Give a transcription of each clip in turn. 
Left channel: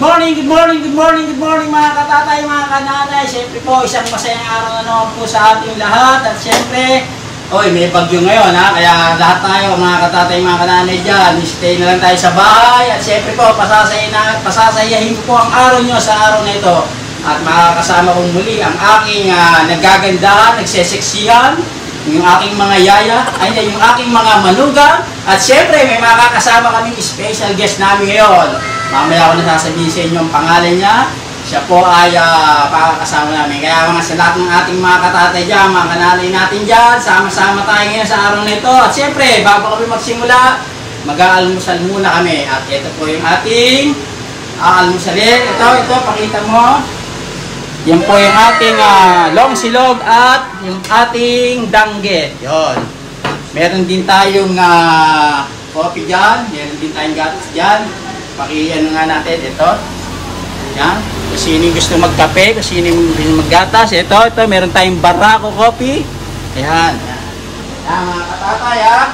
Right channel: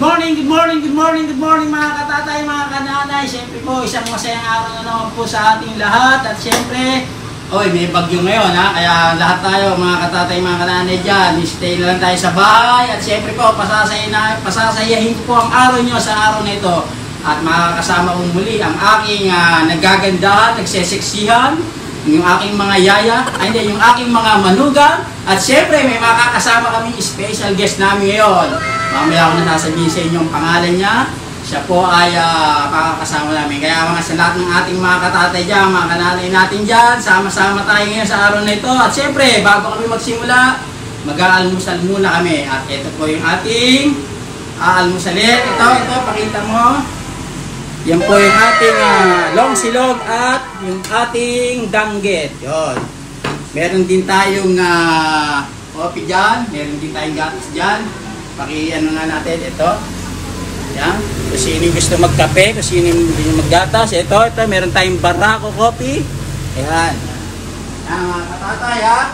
Good morning mga katatay, mga kananay. Siyempre po, isang masayang araw na naman po sa ating lahat. At siyempre, may bagyo ngayon ha. Kaya lahat tayo mga katatay, mga kananay dyan, stay na lang tayo sa bahay. At siyempre po, pasasayahin ko po ang araw nyo sa araw na ito. At makakasama kong muli ang aking nagagandahan, nagseseksihan, yung aking mga yaya, yung aking mga manugang. At siyempre, may makakasama kaming special guest namin ngayon. Mamaya ako nasasabihin sa inyo ang pangalan niya. Siya po ay pakakasama namin. Kaya mga sa lahat ng ating mga katatay dyan, mga kananay natin dyan, sama-sama tayo ngayon sa araw na ito. At siyempre, bago kami magsimula, mag-aalmusal muna kami. At ito po yung ating aalmusalin. Ito, pakita mo. Yan po yung ating long silog at yung ating danggit. Yun. Meron din tayong coffee dyan. Meron din tayong gatas dyan. Paki-ano nga natin ito. Yan. Kung sino yung gusto magkape, kung sino yung maggatas. Ito, meron tayong Barako coffee. Yan. Yan mga katatay ha.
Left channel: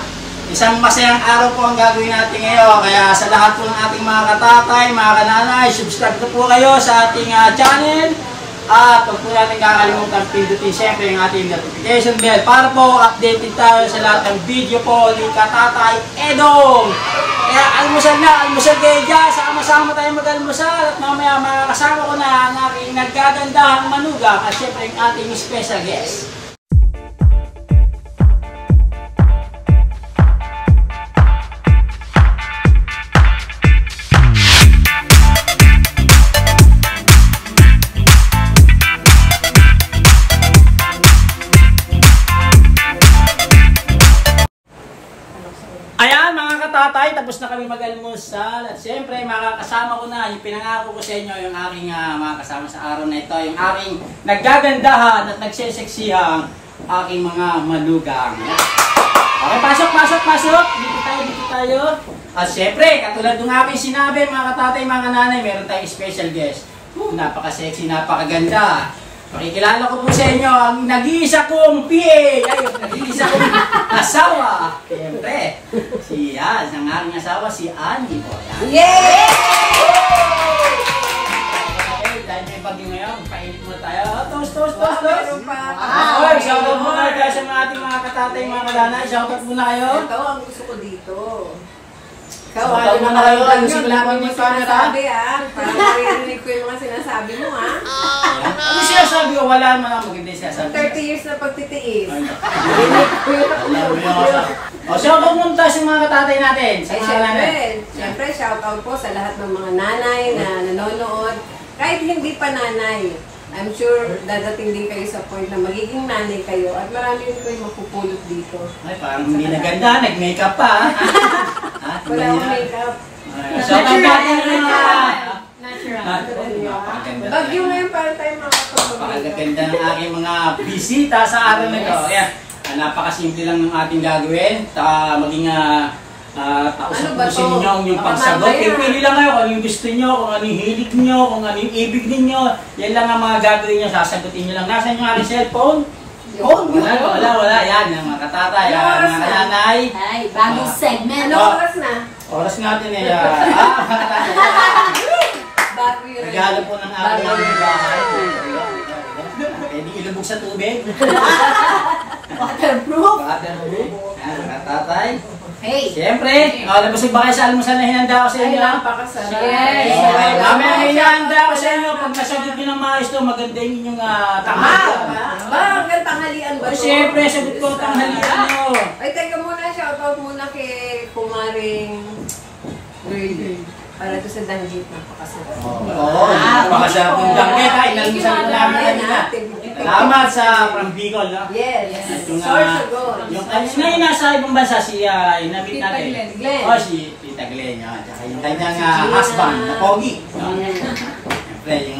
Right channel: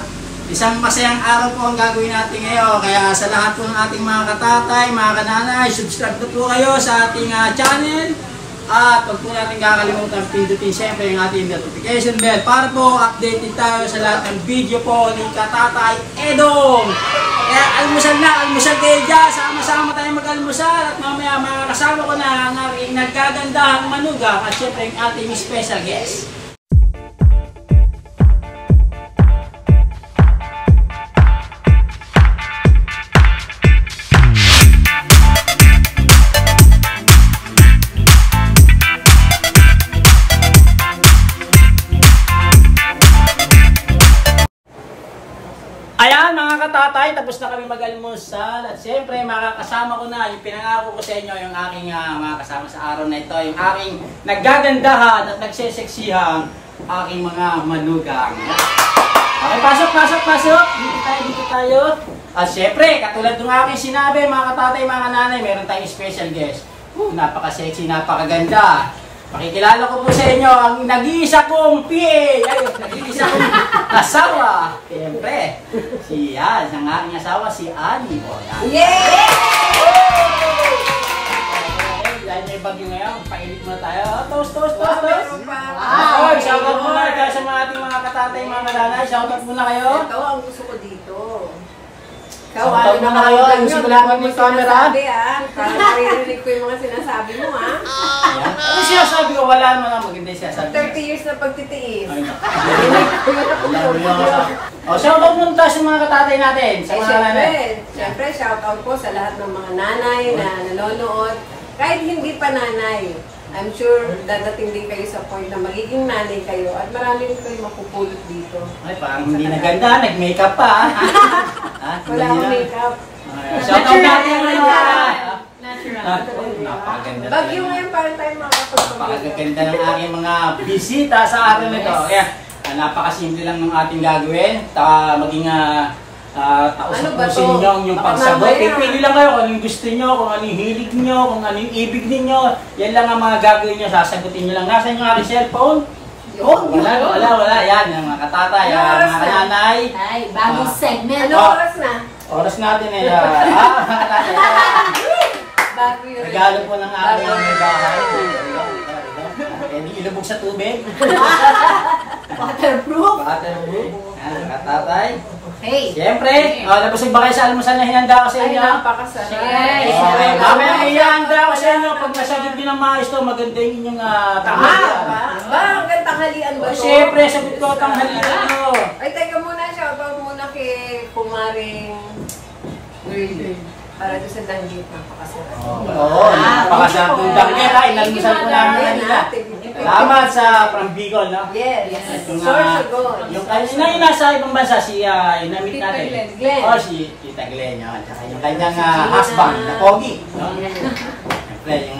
Isang masayang araw po ang gagawin natin ngayon. Kaya sa lahat po ng ating mga katatay, mga kananay, subscribe na po kayo sa ating channel. At huwag po natin kakalimutan pindutin siyempre yung ating notification bell para po updated tayo sa lahat ng video po ni Katatay Edong. Kaya almusal kayo dyan, sama-sama tayo mag-almusal at mamaya makakasama ko na ang aking nagkagandahang manugang at siyempre yung ating special guest. Ayan mga katatay, tapos na kami mag-almusal at siyempre makakasama ko na yung pinangako ko sa inyo yung aking mga kasama sa araw na ito, yung aking naggagandahan at nagseseksihan aking mga manugang. Okay, pasok! Dito tayo. At siyempre, katulad ng aking sinabi mga katatay, mga nanay, meron tayong special guest. Napaka-sexy, napakaganda. Pakikilala ko po sa inyo ang nag-iisa kong PA, nag-iisa kong asawa. Siyempre, ang aking asawa, si Annie. Yay! Dahil may bagyo ngayon, painit muna tayo. Toast! Shoutout muna kayo sa mga ating mga katatay, mga nanay. Shoutout muna kayo. Ito ang gusto ko dito. Ikaw, ano na kayo? Ayusin ko lang yung camera. Parang maririnig ko yung mga sinasabi mo, ha? Ano sinasabi ko? Wala mo lang maganda yung sinasabi. 30 years na pagtitiis. Shoutout muna tayo sa mga katatay natin. Siyempre, shoutout po sa lahat ng mga nanay na nanonood. Kahit hindi pa nanay, I'm sure dadating din kayo sa point na magiging nanay kayo at marami rin kayo mapupulot dito. Ay, parang hindi na ganda, nag-makeup pa. Wala akong makeup. Natural. Bagyo ngayon para tayo makakapag-makeup. Napakaganda ng aking mga bisita sa araw na ito. Napakasimple lang ng ating gagawin. Maging taus-tapusin nyo yung pagsagot. Pili lang kayo kung anong gusto nyo, kung anong hilig nyo, kung anong ibig ninyo. Yan lang ang mga gagawin nyo, sasagutin nyo lang. Nasaan yung aking cellphone? Wala. Yan, yung mga katatay, mga kananay. Ay, bagong segment. Anong oras na? Oras natin ay bago yun. regalo po ng aking bahay. Hindi ilubog sa tubig. Waterproof. Katatay. Okay. Siyempre, nabusog ba kayo sa almusal na hinanda ko sa inyo? Ay, napakasarap. Mamaya hinanda ko sa inyo. Pag masagot nyo ng maayos to, maganda yung inyong tanghalian. Hanggang tanghalian ba ito? Siyempre, sagot ko tanghalian. Ay, teka muna, shoutout muna kay Kumaring Girl. Para ito sa danggit, napakasarap. Napakasarap yung danggit. Inalmusal ko namin kanina. Salamat sa from Bicol, no? Yes. Sorsogon. Yung nasa ibang bansa, si inamit Tita natin. Glenn. Si Tita Glenn. Tsaka yung kanyang husband, na Pogi.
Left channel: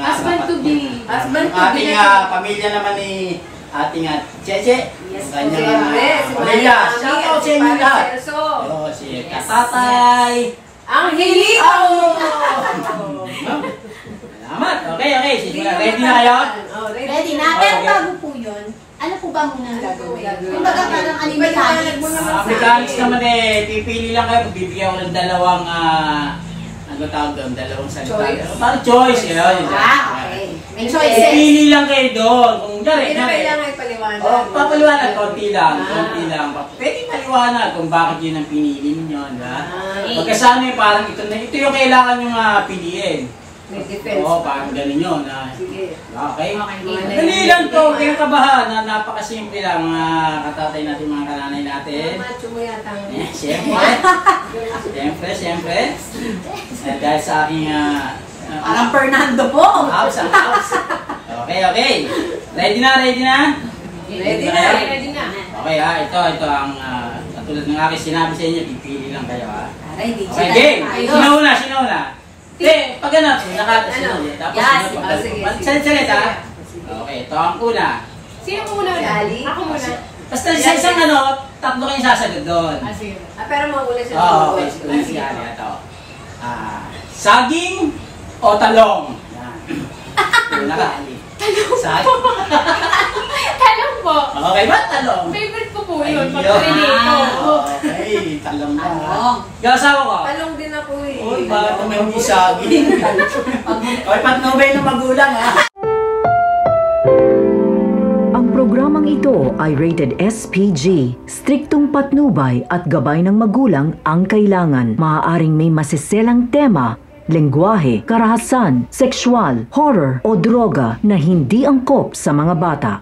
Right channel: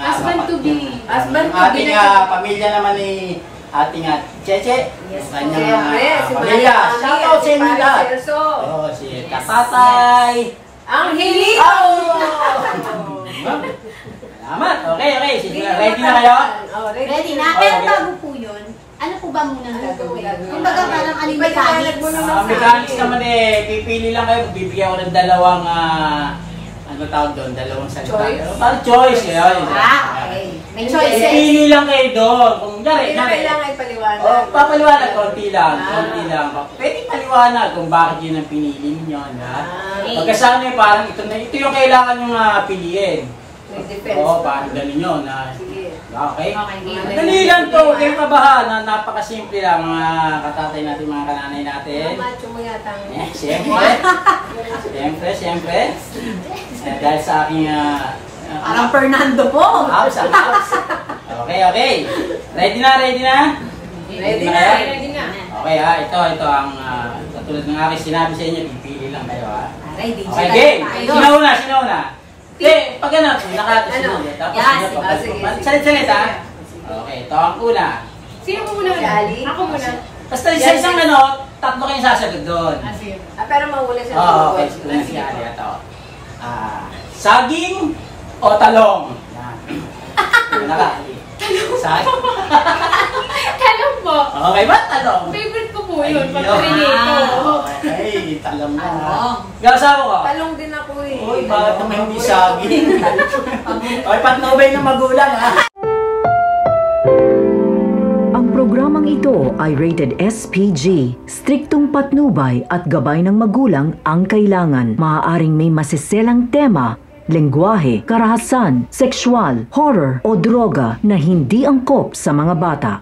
Husband to be. Husband to be. Ating pamilya naman ni ating Cheche. Yes. Kanyang Si pamilya. Maria. Shoutout sa inyo lahat. Si Katatay. Ang hilito! Salamat. Okay. Sige, ready na kayo? Ready na? Pero bago po yun, ano po ba muna ang gagawin? Kung baga parang ano yung mechanics? Mechanics naman pipili lang kayo. Bibigyan ko ng dalawang Ano tawag doon? Dalawang salita. Choice. Parang choice, yun. Okay. May choice. Pili lang kayo doon. Kung Hindi na kailangan ipaliwanag. Oh, papaliwanag, konti lang. Pwede paliwanag kung bakit yun ang pinili niyo. Pagkasana parang ito yung kailangan nyo piliin. May defense. Oo, parang ganun yun. Sige. Okay. Mga Dali lang to, kayo kabahan na napakasimple lang mga katatay natin, mga kananay natin. Macho mo yata. Siyempre. Dahil sa aking Parang Fernando po. house. Okay. Ready na? Ready na. Okay ito ang katulad ng aking sinabi sa inyo, pipili lang kayo Aray, di Okay, game. Sino una? Hindi, pag ano, Ano? tapos Yes. Sige. Salit Okay, ito ang una. Sino muna? Si Ali? Ako muna. Basta sa isang tatlo kayong sasagot doon. Sige. Pero mawala siya. Oo, okay. Ito na si Ali. Ito. Saging o talong? Yan. Saging. Talong po. Okay ba? Talong? Favorite ko po yun. Pag Ayun. pinito. Okay, talong na. Talong. Gasawa ko. Talong din ako eh. Uy, bakit naman hindi saging? Okay, patnubay ng magulang Ang programang ito ay rated SPG. Striktong patnubay at gabay ng magulang ang kailangan. Maaaring may masiselang tema, lengguwahe, karahasan, sexual, horror o droga na hindi angkop sa mga bata.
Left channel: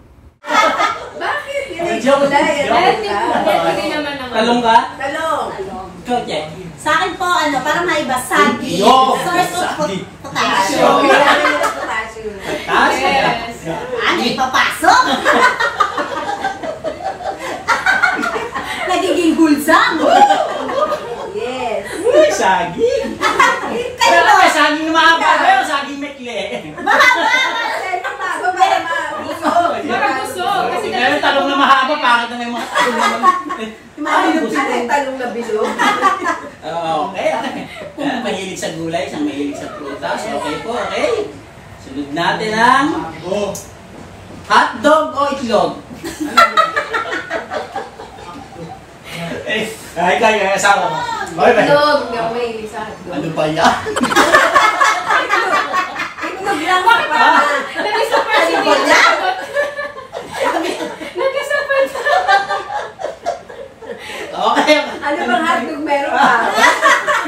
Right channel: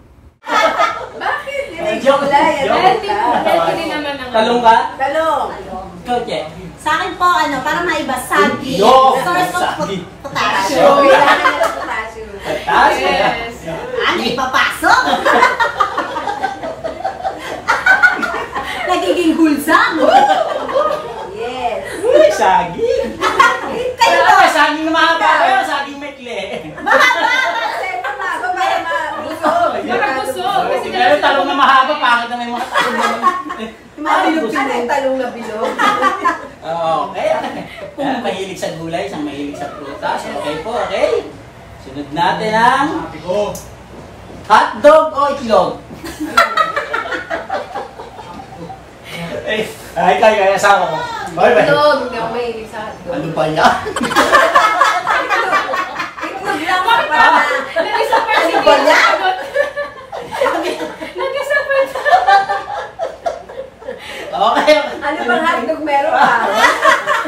Bakit? Yun ay Joke. gulay. Healthy naman ang Talong ka? Talong. Choche. Sa akin po, parang maiba, saging. Yo! Source of Saging. potassium. Kailangan niya ng potassium. Yes. Ano, ipapasok? Nagiging hulsang. Yes. Uy, saging. Kayo Kaya ba? ba, saging na mahaba kayo, saging may kle. Mahaba. Marabusog. Kasi meron talong na mahaba, bakit na may mga talong na Ano yung talong na bilog? Okay. Mahilig sa gulay, isang mahilig sa prutas. Okay po, okay. Sunod natin ang hotdog o itlog. Ay, kaya asawa ko. Itlog. Hindi ako mahilig sa hotdog. Ano ba yan? Itlog lang ako para na. Ano ba yan? Nagkasapad. Okay. Ano bang hotdog meron ka?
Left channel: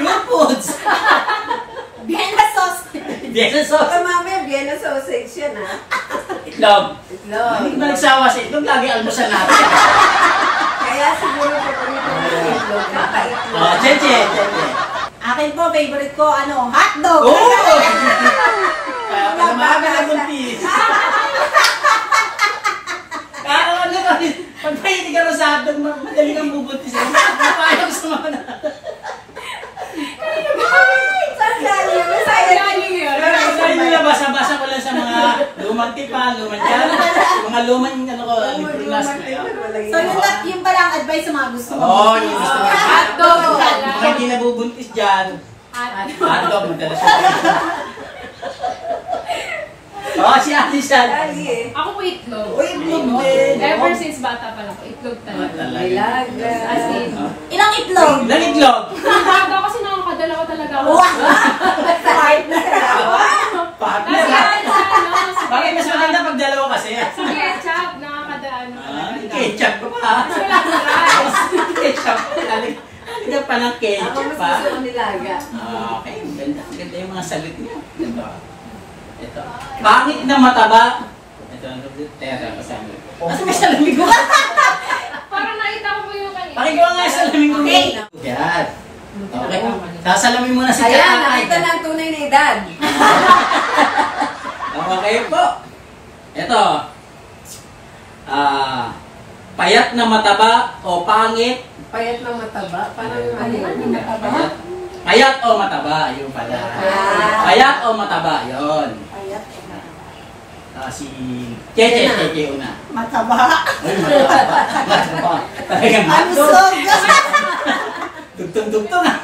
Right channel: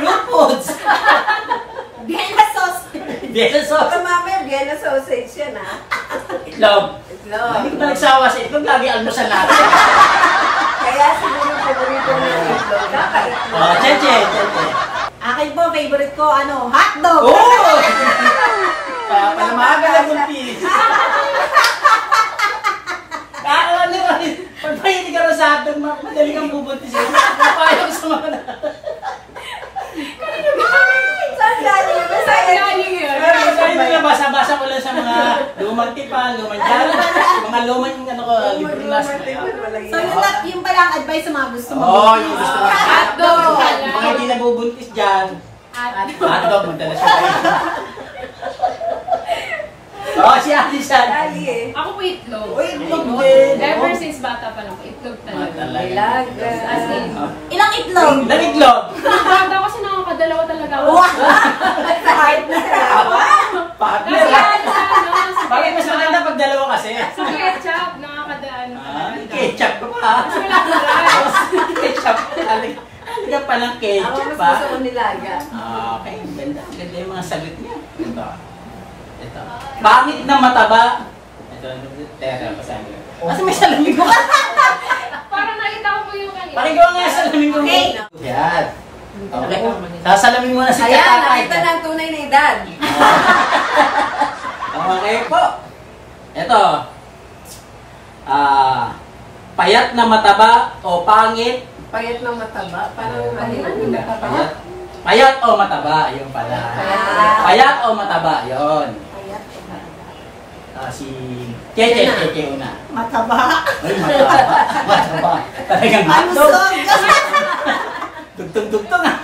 New foods. Vienna sauce. Vienna sauce. Baka mamaya Vienna sausage yan ha. Itlog. Itlog. Hindi ko na nagsawa sa itlog. Lagi almusal natin. Kaya siguro paborito mo ng itlog. Kaka-itlog. Cheche. Akin po, favorite ko, hotdog. Oh! Kaya maaga na buntis. Ano ba? Pag mahilig ka rin sa hotdog, madali kang bubuntis. Paano sa mga na? Saan galing yun? Masaya Hindi na basa-basa ko lang sa mga lumang tipa, lumang jalo, mga lumang So, yun pala ang advice sa mga gusto mo. Oo, yung gusto mo. Hotdog. Mga hindi nabubuntis dyan. Hotdog, madalas ko. Oo, si Ate San. Dali eh. Ako po itlog. Uy, itlog mo eh. Ever since bata pa lang po, itlog talaga. Ilag. As in. Ilang itlog? Ilang itlog? Bata kasi nakakadalawa talaga ako. Partner. Partner. Bakit mas maganda pag dalawa kasi? Sa ketchup, nakakadaan talaga. Ketchup ka pa. Ketchup. Halika pa ng Ako ketchup mas pa. gusto ko nilaga. Okay, ganda. Ganda yung mga sagot niya. Ito. Pangit na mataba. Ito. Teka, basahin ko. Asa may salamin ko? Parang nakita ko po yung kanina. Pakigawa nga sa salamin ko. Yan. Okay. Sasalamin mo na si Ayan, Tata. nakita na ang tunay na edad. Okay po. Ito. Payat na mataba o pangit? Payat na mataba. Parang Payat. Payat o mataba, ayun pala. Payat o mataba, yun. Si Cheche una. Mataba. Ay, mataba. Mataba. Talagang matog. Malusog. Dugtong-dugtong ah.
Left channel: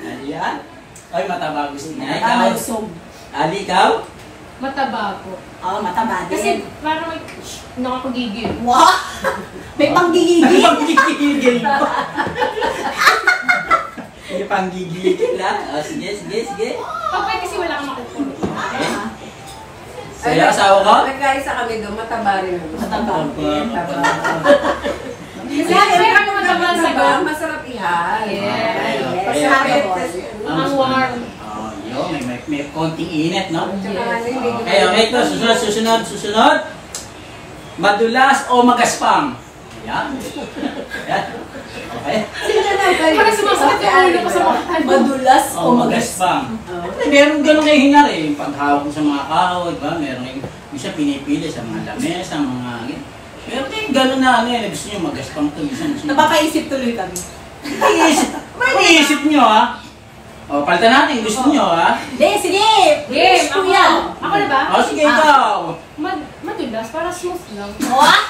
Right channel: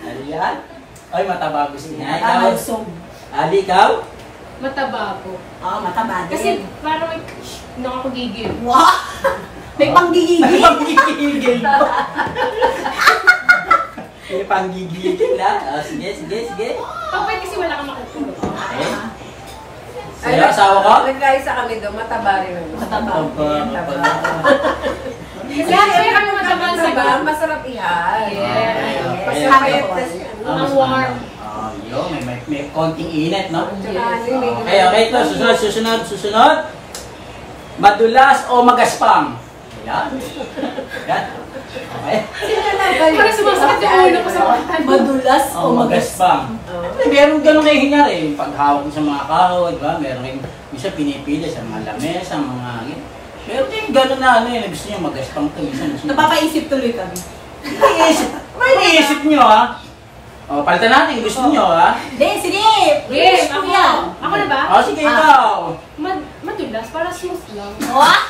Ayan. Ay, mataba gusto niya. Ikaw? Malusog. Ali, ikaw? Mataba po. Oo, mataba Kasi din. parang may nakakagigil. Wow! May panggigigil. Ay, magkikigil mo. Hindi pang gigilitin lang. Sige. Pag kasi wala kang makukulong. Sa'yo, asawa ko? Nagkaisa kami doon, mataba rin ang gusto. Mataba. Kasi Kaya syempre, mataba mataba, sa diba? Masarap ihaw. Pag Yes. napayat kasi, Ang warm. May konting init, no? Tsaka ano yung medyo... Okay, ito, susunod. Madulas o magaspang? Ayan. Okay. Parang sumasakit yung ulo ko sa mata. Madulas O magaspang. Meron ganun kayo hinari. Pag hawak mo sa mga kahoy, diba? Meron kayo, isa pinipili sa mga lamesa, mga... Meron kayo ganun na ano eh. Gusto nyo magaspang to. Napapaisip tuloy kami. May iniisip nyo, ha? O, palitan natin. Gusto nyo, ha? Hindi, sige! Game! Gusto Ako yan. Ako na ba? O, sige, ikaw. Madulas, para smooth lang. What?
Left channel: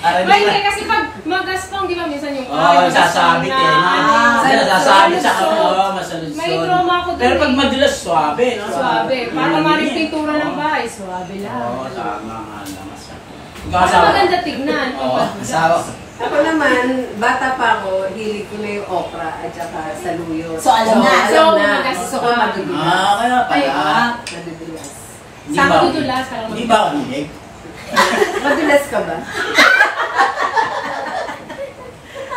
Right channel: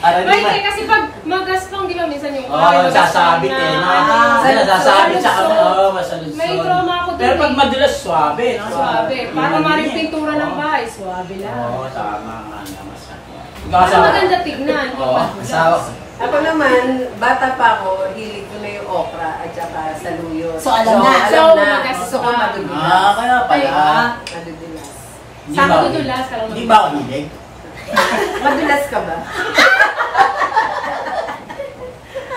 Aray, Ay, diba? hindi, kasi pag magaspang, di ba, minsan yung Oo, sasabit eh. Nasasabit sa kamay. Oo, masalusod. May trauma ako dun Pero pag eh. madulas, swabe. No? Swabe. Para maring pintura ng bahay, swabe lang. Oo, tama nga naman. Para maganda tignan. Oo, asawa. Ako naman, bata pa ako, hilig ko na yung okra at saka saluyot. So, alam na. Alam So, na. magas- Gusto ko madudulas. Kaya pala. Madudulas. Di Sa ba- madudulas, kaya Di ba ako hilig? Madulas ka ba?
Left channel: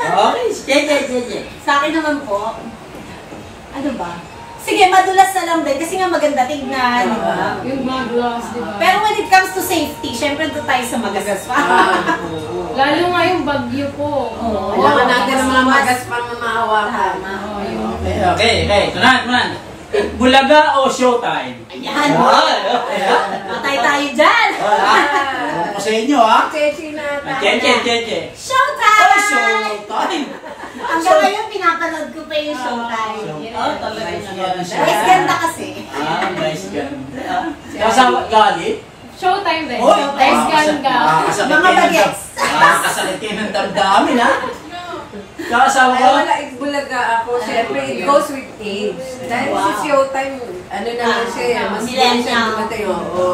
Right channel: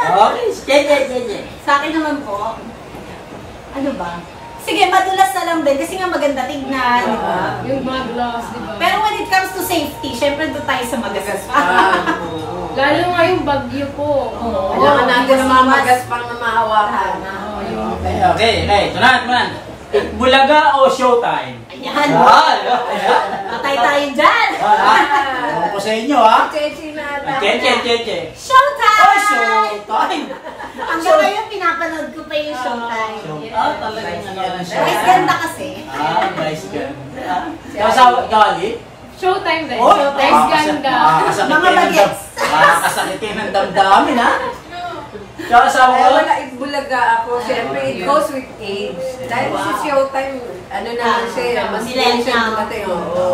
Okay, sige. Sa akin naman po, ano ba? Sige, madulas na lang din kasi nga maganda tignan, di ba? yung mga gloves, di ba? Pero when it comes to safety, syempre doon tayo sa magagas pa. Oo. Lalo nga yung bagyo po. Kailangan natin ng mga magaspang na mahawakan. Oo, yung... Okay. Tunan. Bulaga o showtime? Ayan. Patay tayo dyan. Ano ko sa inyo, ha? Chechi na ata. Cheche. Showtime! Showtime. Hanggang ngayon, pinapanood ko pa yung showtime. Talaga. Guys, ganda kasi. Guys, ganda. Kasawa, Kali? Showtime rin. Oh, Showtime ganda. Mga bagets. Nakakasakit kayo ng damdamin, ha? Kasawa Ay, ko? wala, bulaga ako. Siyempre, it goes with age. Dahil si Showtime, ano naman siya, mas Millennial. siya dumatay. Oo.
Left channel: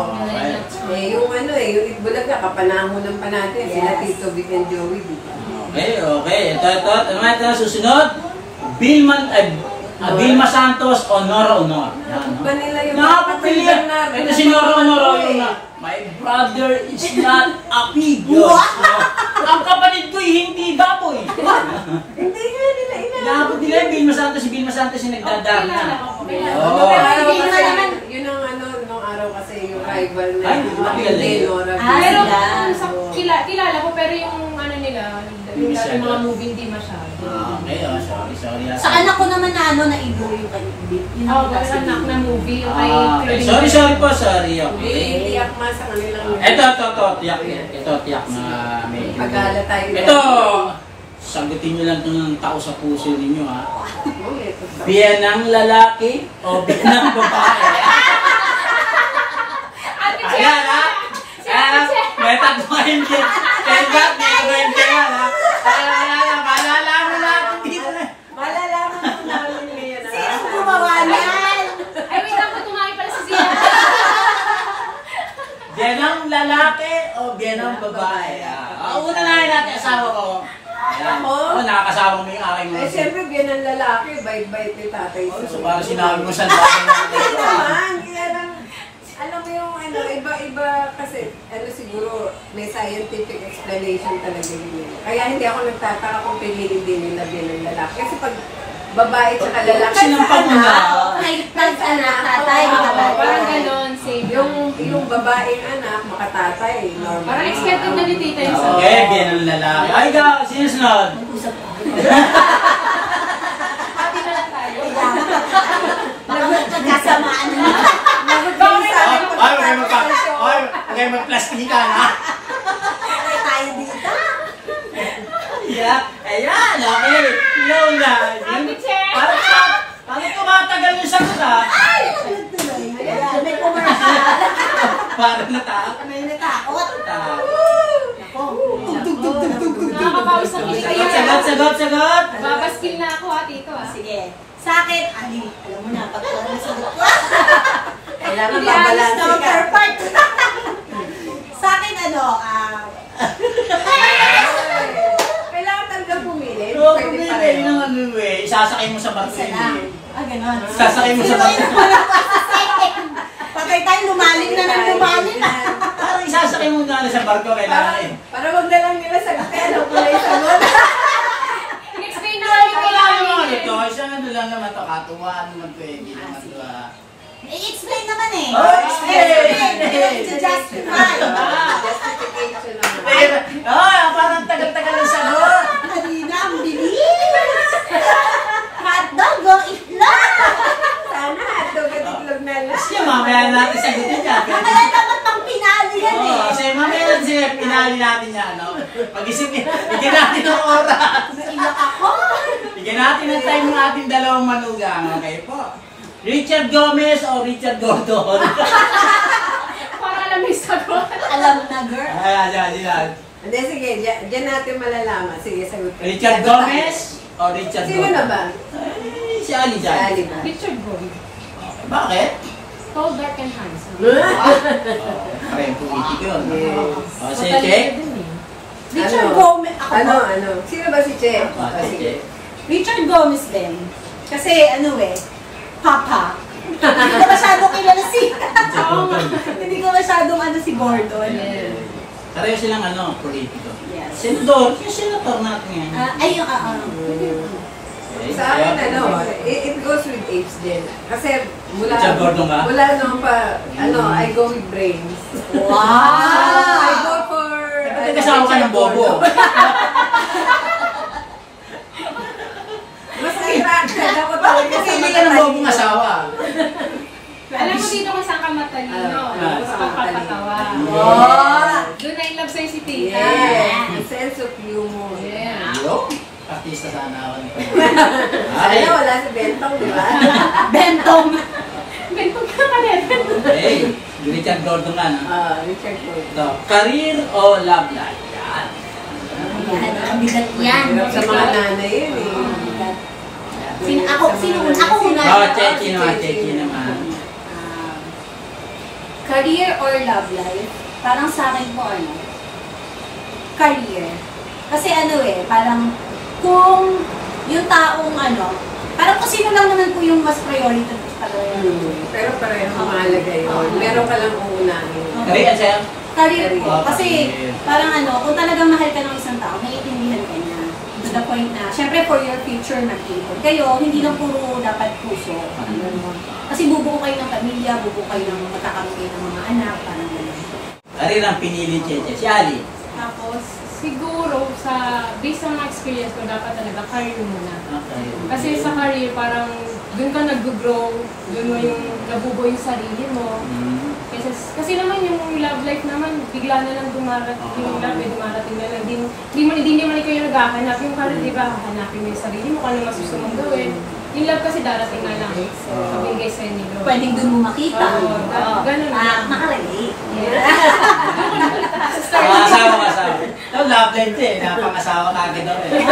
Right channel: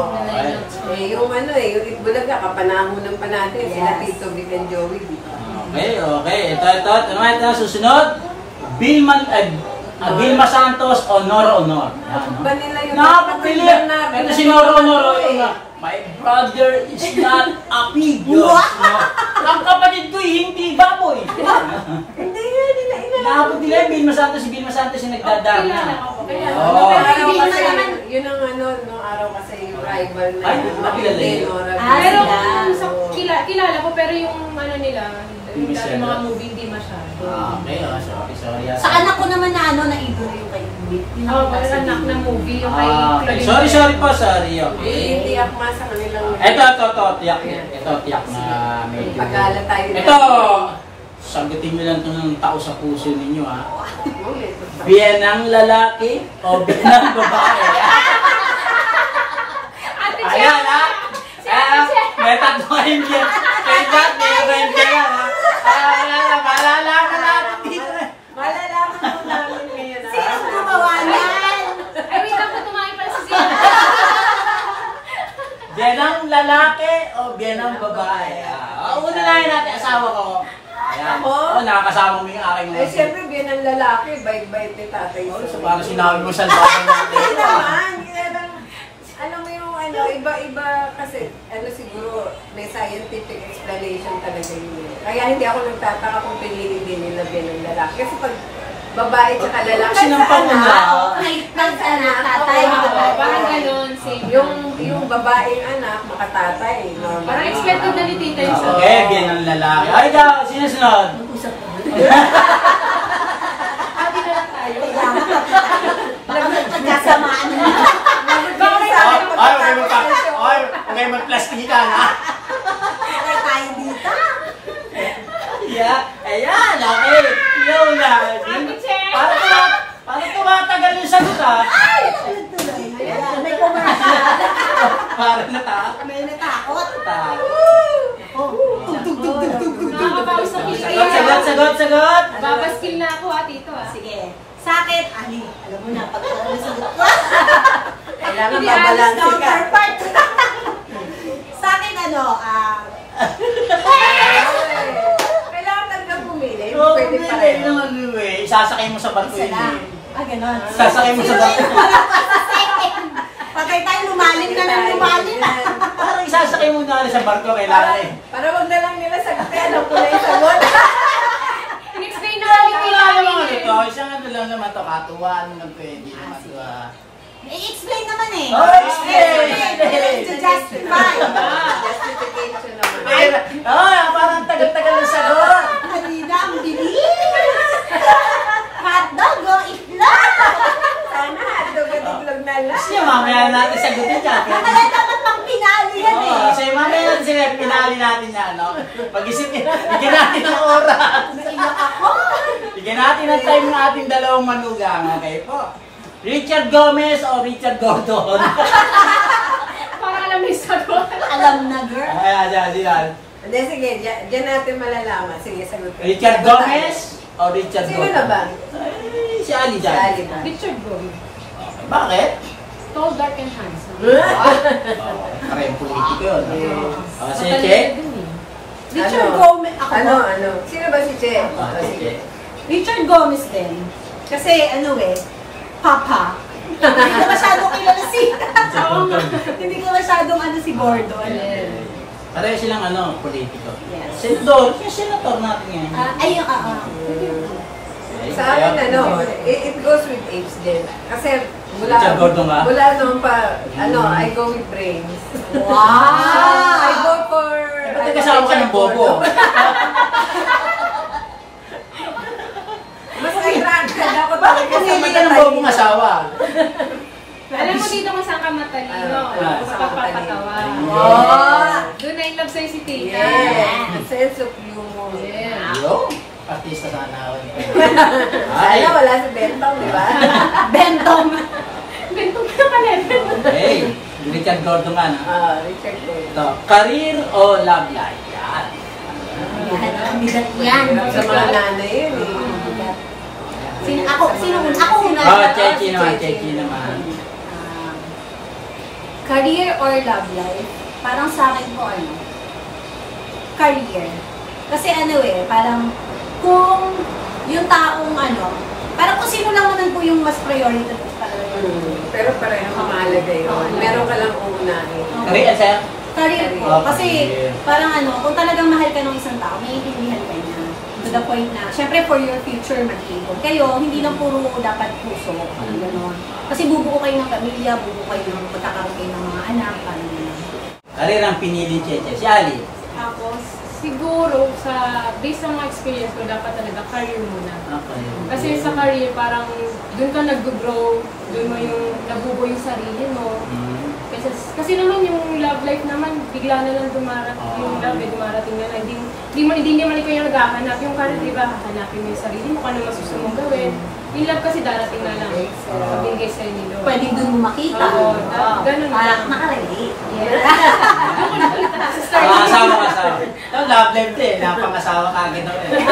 Yung Itbulaga, kapanahonan pa natin. Sila Tito Vic and Joey, di ba? Okay. Ito, susunod. Vilma Santos o Nora Honor. Ba nila yung Napapili. Ito si Nora Honor. My brother is not a pig. Ang kapatid ko'y hindi baboy. Hindi nga nila Nakapag nila yung Vilma Santos. Si Vilma Santos yung nagdadaan Kilala na. ko po. Kaya, Oo. Nung araw Hindi kasi, naman. yun ang nung araw kasi yung rival na Ay, matindi, kilala. Nora. pero Sila. sa, kilala ko, pero yung ano nila, yung dati mga movie hindi masyado. Okay, sorry. Sa anak ko naman na naibo yung kay Ibig. Oh, anak na movie, yung kay Claudine. Sorry po, sorry. Hindi akma sa kanilang... Ito, tiyak na may Pagala tayo. Ito, sagutin nyo lang ito ng tao sa puso ninyo, ha? Oh, may ito. Biyenang lalaki o biyenang babae? Ayan, ha? Ayan, may tatlong hindi. Kaya ba't may hindi yan, ha? Malalaman natin dito na. Malalaman po namin ngayon. Sino gumawa yan? Ay, wait lang, tumayo pala si Zia. Biyenang lalaki o biyenang babae? Una na natin asawa ko. Ayan. Ako? Nakakasama mo yung aking Eh, siyempre, biyan ng lalaki, bait-bait ni tatay. So, parang sinabi mo sa loob Hindi naman, kaya lang, alam mo yung iba-iba kasi, siguro, may scientific explanation talaga yun. Kaya hindi ako nagtataka kung piliin din nila biyan ng lalaki. Kasi pag babae tsaka lalaki, Sinampal mo na. Kahit anak, tatay, Oo, makatatay. Parang ganon, same. yung babaeng anak, makatatay, normal. Parang expected na ni Tita yung sabi. Okay, biyenang lalaki. Ay, sino sunod? Usap ko. Nagkasamaan na. Ay, magplastikan, ha? Patay tayo dito. Ayan, okay. Lola. Ate Che! Parang tumatagal yung sagot, ha? Ayan, may commercial. Parang natakot. May natakot. Nakakausap ko siya. Sagot. Babaskil na ako ha, Tito ha. Sige. Sa akin, alam mo na, pag nasagot ko. Kailangan babalansin ka. Counterpart. Sa akin, Kailangan talagang pumili. Okay. pwede pareho. Isasakay mo sa barko Isa yun lang. eh. Ah, ganon. Isasakay mo sa barko. Patay tayo, lumalim na ng lumalim na. Parang isasakay mo na sa barko kailangan eh. Para wag na lang nila sagutin. Alam ko na yung sagot. Explain na lang yung kailangan eh. Ito, isang ano lang naman ito, katuwaan lang pwede. I-explain naman eh. Oh, explain! To justify. Justification naman. Parang tagal-tagal na sagot. Halina, ang bilis. Hotdog o itlog. Sana hotdog at itlog na lang. Kasi mamaya natin sagutin yan. Kaya dapat pang pinali yan eh. Kasi mamaya yan sige, pinali natin yan. Pag-isipin, bigyan natin ng oras. Naiyak ako. Bigyan natin ng time ng ating dalawang manugang. Okay po. Richard Gomez o Richard Gordon? Para alam mo yung sagot. Alam na, girl. Ayan. Hindi, sige. Diyan natin malalaman. Sige, sagot ka. Richard Sagot Gomez tayo. o Richard Sino Gordon? na ba? Ay, si Ali Si dyan. Ali ba? Richard Gomez. Okay, bakit? Tall, dark, and handsome. Parang politiko yun. Yes. Si Che? Richard Gomez. Ako Ano? po. Sino ba si Che? Sige. Richard Gomez din. Kasi ano eh, Papa. Hindi ko masyadong kilala si... Hindi ko masyadong ano si Gordon. Pareho silang politiko. Yes. Senador, yung senator natin yan. Ayun, Okay. Sa akin, it goes with age din. Kasi mula Richard Gordon ba? mula noon pa, I go with brains. Wow! I go for... Ito kasama ka ng bobo. Mas attracted ako talaga sa Hindi ka ng matalino. bobong asawa. Alam mo dito kung saan ka matalino. Sa pagpapatawa. Oh! Doon na in love sa'yo si tita. Yes, a sense of humor. Yeah. Yo, artista sana ako. Sana wala si Bentong, di ba? Bentong! Bentong ka naman eh. Hey, Richard Gordon nga. Richard Gordon. Ito, career o love life? Yan. Ang bigat yan. Hirap sa mga nanay yun eh. Sino una? Chechi naman. Career or love life? Parang sa akin po career. Kasi parang kung yung taong parang kung sino lang naman po yung mas priority para Pero pareho mahalaga yun. Meron ka lang uunahin. Career, sir? career po. Ah, Kasi career. parang kung talagang mahal ka ng isang tao, naiintindihan ka niya. To the point na, syempre for your future mag-ipon kayo, hindi lang puro dapat puso. Parang gano'n. Kasi bubuo kayo ng pamilya, bubuo kayo ng magkakaroon kayo ng mga anak, parang gano'n. Career ang pinili Cheche. Si Ali? Tapos, siguro, based sa mga experience ko, dapat talaga career muna. Kasi sa career, parang doon ka nag-grow, doon mo yung nabubuo yung sarili mo. Kasi naman yung love life naman, bigla na lang dumarating, yung love ay dumarating na lang. Hindi naman ikaw yung naghahanap. Yung career, di ba, hanapin mo yung sarili mo, kung ano masusunod gawin. Yung love kasi darating na lang. Kabigay sa inyo. Pwedeng dun mo makita. Oo, ganun lang. Makarelate. Asawa. Ito, love life din. Napang-asawa ka agad ako eh.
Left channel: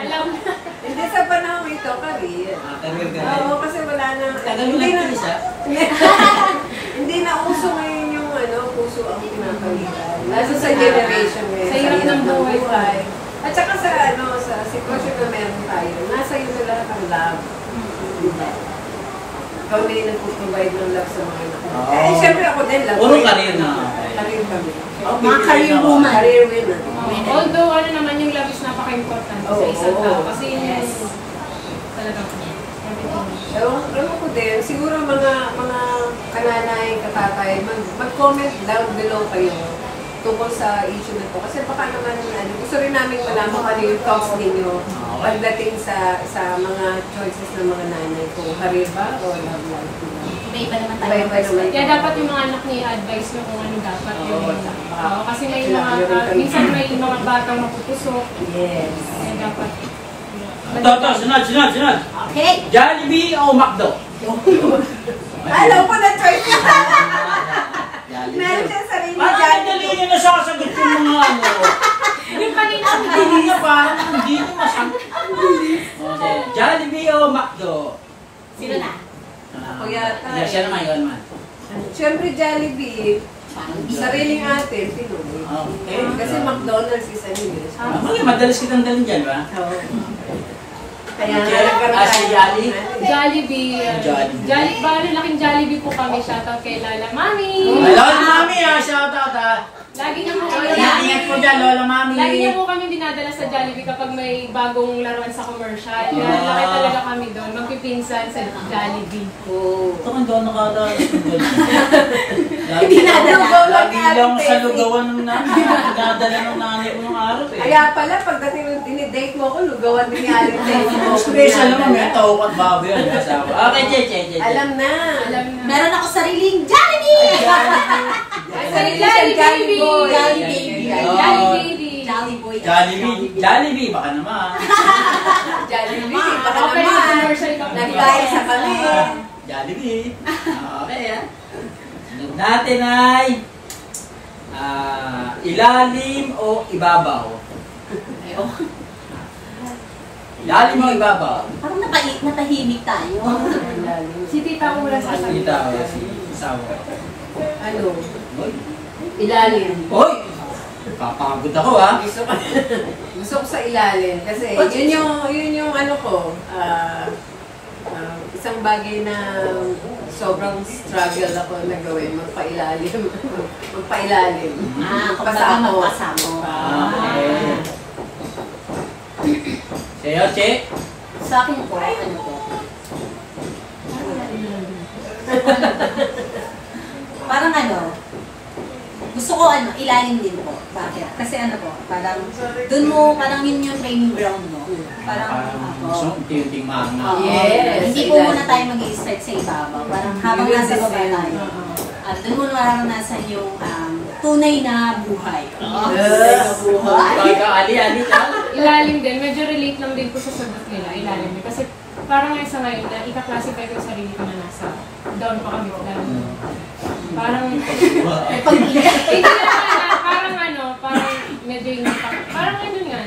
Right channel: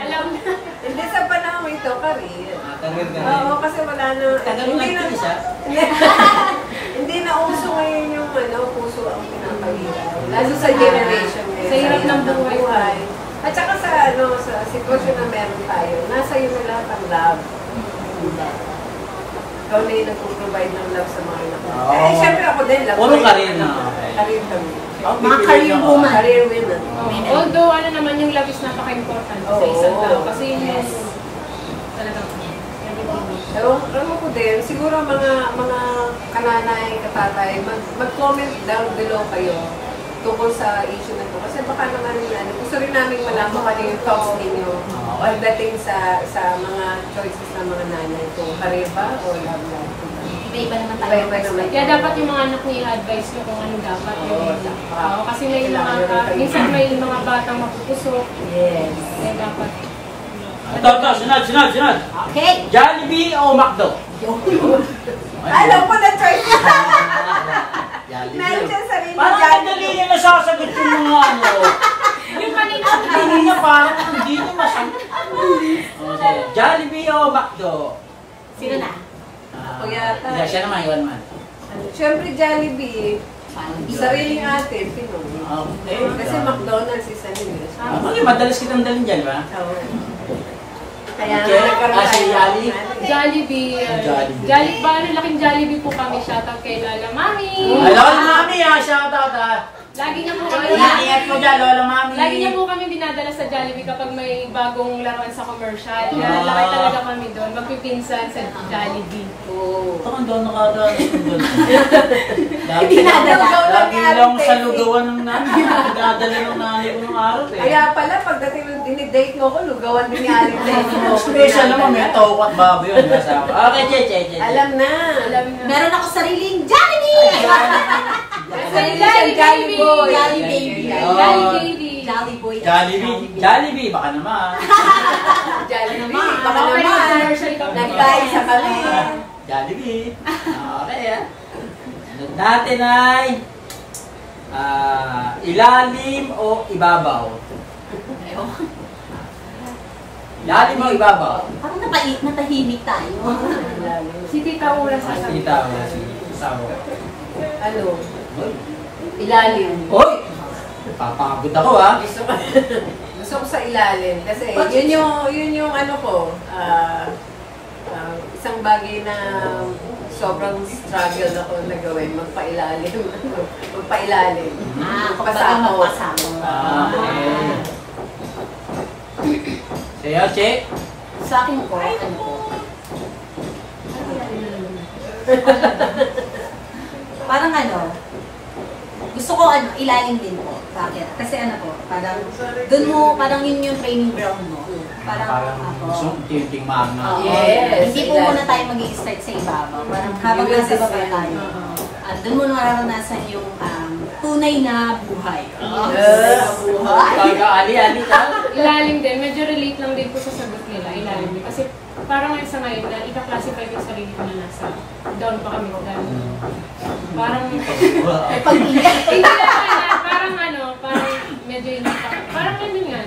Alam na. Hindi sa panahon ito, career. Career ka Oo, kasi wala na... Tagal mo Hindi na... nagtiis, ha? Hindi na uso ngayon yung puso ang pinapalitan. Lalo sa generation ngayon. Sa hirap ng buhay. At saka sa sa sitwasyon na meron tayo, nasa iyo na lahat ang love. Diba? Ikaw na yung nagpo-provide ng love sa mga anak mo. Oo. Eh, syempre ako din, love Puro ko yung career anak na, ko. okay. Career kami. Mga career woman. Career women. Although, naman, yung love is napaka-important sa isang Oo. tao. Kasi yun yung Yes. talagang everything. Ewan ko din, siguro mga kananay, katatay, mag-comment down below kayo tungkol sa issue na to. Kasi baka naman, gusto rin namin malaman kung ano yung thoughts ninyo pagdating sa mga choices ng mga nanay kung career ba o love life. Iba-iba naman tayo. Iba-iba naman. Kaya dapat yung mga anak niya i-advise nyo kung ano dapat Oo, yun. tama. Oo, kasi may Kailangan nyo rin mga, kami. minsan may mga batang mapupusok. Yes. Kaya dapat. Ito, sunod. Okay. Jollibee o McDo? Alam ko na choice niya. Jollibee. Meron siya sarili Parang dyan. madali yung nasasagot ko ng mga Yung kanina, Hindi na parang hindi na masagot. Okay. Jollibee o McDo? Sino na? Ako yata. Siya naman yun, man. Siyempre Jollibee. Sariling atin, Pinoy. Okay. Kasi McDonald's is a English. Okay, madalas kitang dalhin dyan, ba? Oo. Kaya Okay. nagkaroon Si tayo. Ali? Jollibee. Jollibee. Bale, laking Jollibee po kami. Shoutout kay Lala Mami. Hello, mami, shout out Lagi niya po kami. Ingat mo dyan, lola mami. Lagi niya po kami dinadala sa Jollibee kapag may bagong laruan sa commercial. Kaya laki talaga kami doon. Magpipinsan sa Jollibee. Ito ang doon nakata. Dinadala. Lagi lang sa lugawan ng nanay. Dinadala ng nanay ko ng araw eh. Kaya pala, pagdating ng dinidate mo ako, lugawan din ni Aling Tess. Special naman, may tawag at babo yun. Okay, che. Alam na. Alam na. Meron ako sariling Jollibee! Sariling Jollibee Boy. Jolly Baby. Jollibee. Jolly Boy. Jollibee, baka naman. Jollibee, baka Okay, naman. commercial ka. Nagkaisa kami. Jollibee. Okay, Sunod natin ay ilalim o ibabaw? Ilalim o ibabaw? Parang natahimik tayo. Si Tita Ura sasabihin. Kita o si Sawa. Ano? Hoy! Ilalim. Hoy! Papagod ako ha! Gusto ko sa ilalim kasi yun yung ano ko, isang bagay na sobrang struggle ako na gawin, magpailalim. Magpailalim. Kumbaga magpasamo. Okay. Sa'yo, Che? Sa akin po, ano po? Parang ano, gusto ko ilalim din po. Bakit? Kasi ano po, parang, dun mo, parang yun yung training ground mo. Parang ako. Tinting mami. Oo. Yes, Hindi po ilalim. muna tayo mag-i-start sa ibabaw. Parang habang You will nasa baba descend. tayo. Dun mo nararanasan yung tunay na buhay. Ali, ka? Ilalim din. Medyo relate lang din po sa sagot nila. Ilalim din. Kasi parang ngayon sa ngayon na ika-classify ko yung sarili ko na nasa down pa kami. Parang hindi na, parang medyo yung parang ano nga,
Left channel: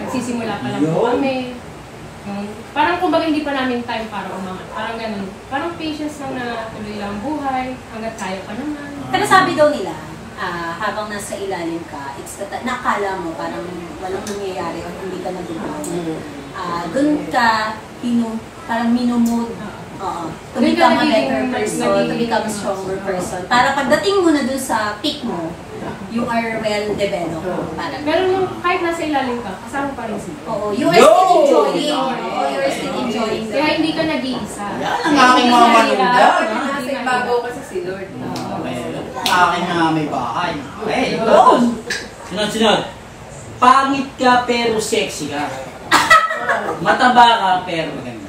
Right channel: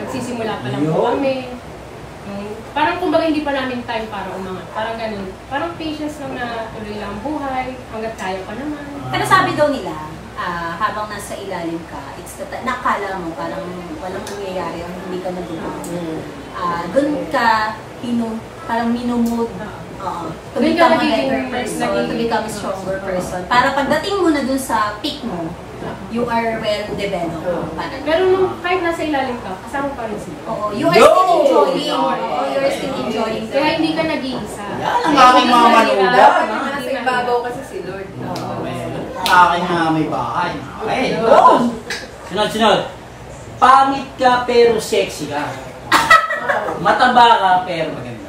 nagsisimula pa lang po kami. Parang kumbaga hindi pa namin time para umangat. Parang ganun. Parang patience lang na tuloy lang buhay, hanggat kaya pa naman. Pero sabi daw nila, habang nasa ilalim ka, nakala mo parang walang nangyayari o hindi ka nag-grow. Doon ka, parang minumod. To become a better person, to become a stronger person. Para pagdating mo na dun sa peak mo, you are well developed. Pero nung kahit nasa ilalim ka, kasama pa rin sila. Oo, you are still enjoying. You are still enjoying. Kaya hindi ka nag-iisa. Yan ang aking mga manuda. Dapat yung nasa ibabaw kasi si Lord. Sa akin na may bahay. Okay, sunod. Pangit ka pero sexy ka. Mataba ka pero maganda.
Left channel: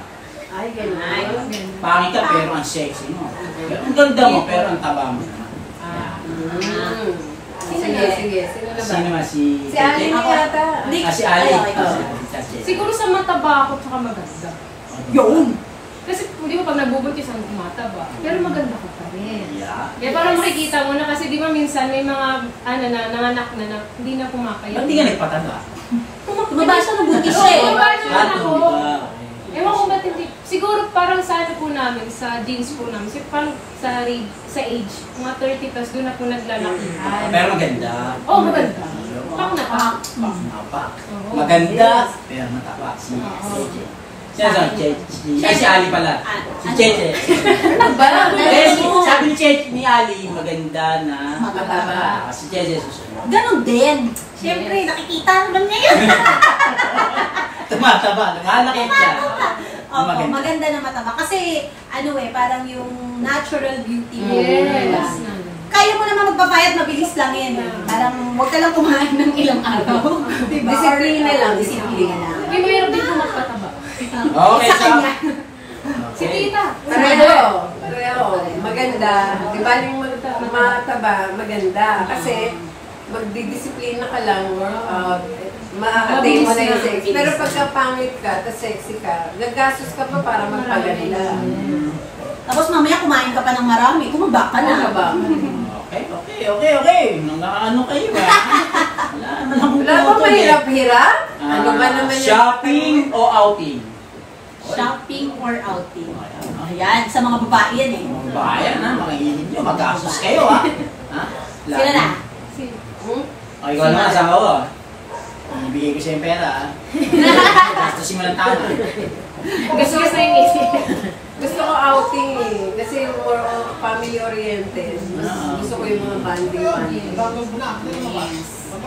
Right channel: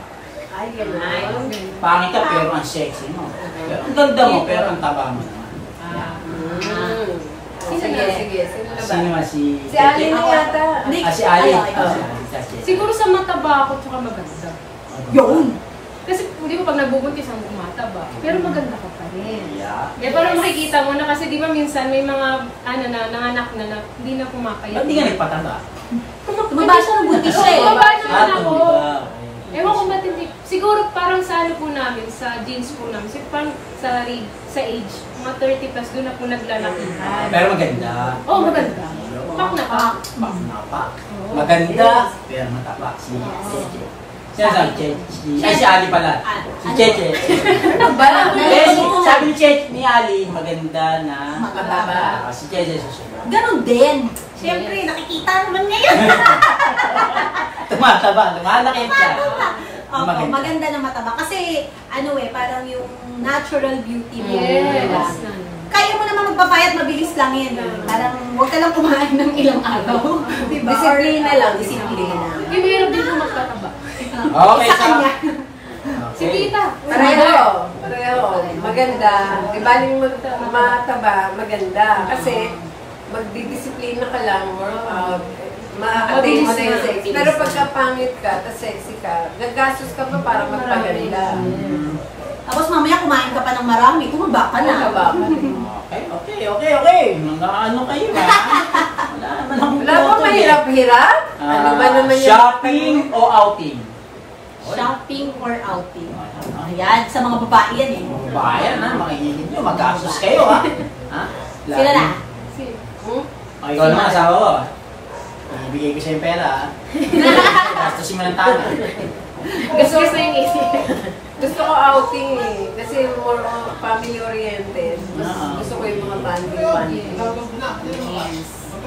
Ay, gano'n. Pangit ka pero ang sexy mo. Ang ganda mo pero ang taba mo naman. Sige. Sino na ba? Sino nga si... Si Ali na yata. Si Ali. Siguro sa mataba ako tsaka maganda. Yun! Kasi hindi mo pag nagbubuntis ang mataba. Pero maganda ka pa rin. Yeah. Kaya parang makikita mo na kasi di ba minsan may mga nanganak na hindi na pumapayat. Ba't di ka nagpatanda? Tumaba siya ng buntis siya eh. Tumaba naman ako. diba? Ewan ko ba't hindi. Siguro parang sa ano po namin, sa genes po namin, parang sa age, mga 30 plus doon na po naglalakihan. Pero maganda. Oo, maganda. Pak na pak. Napak. Maganda pero matapak. Si Cheche. Si Ali pala. Si Cheche. Ba? Sabi ni Cheche ni Ali, maganda na Mataba. Si Cheche susunod. Ganon din. Siyempre, nakikita naman ngayon. Tumataba, lumalaki siya. Opo, maganda na mataba. Kasi, parang yung natural beauty mo. Yes. Kaya mo naman magpapayat, mabilis lang yan. Parang, huwag ka lang kumain ng ilang araw. Diba? Disiplina lang. Disiplina lang. Hindi mo yung din magpataba. Okay, Sa kanya. Si Tita. Pareho. Maganda. Di ba yung mataba, maganda. Kasi, magdidisiplina ka lang, ma-attain mo na yung sex. Pero pagka pangit ka, tas sexy ka, gagastos ka pa para magpaganda. Tapos mamaya kumain ka pa ng marami, kumaba ka na. Okay. Ano kayo ba? Wala ba mahirap-hirap? Ano ba naman yung... Shopping o outing? Shopping or outing. Ayan, sa mga babae yan eh. Bayan na, mga hilig nyo. magastos kayo, ha? Ha? Sila na. Si, O, ikaw naman, asawa ko. Ibigay ko sa'yo yung pera, ha? Gastusin mo lang tama. gusto ko sa isip. Gusto ko outing eh. Kasi more family oriented. Mas gusto ko yung mga banding.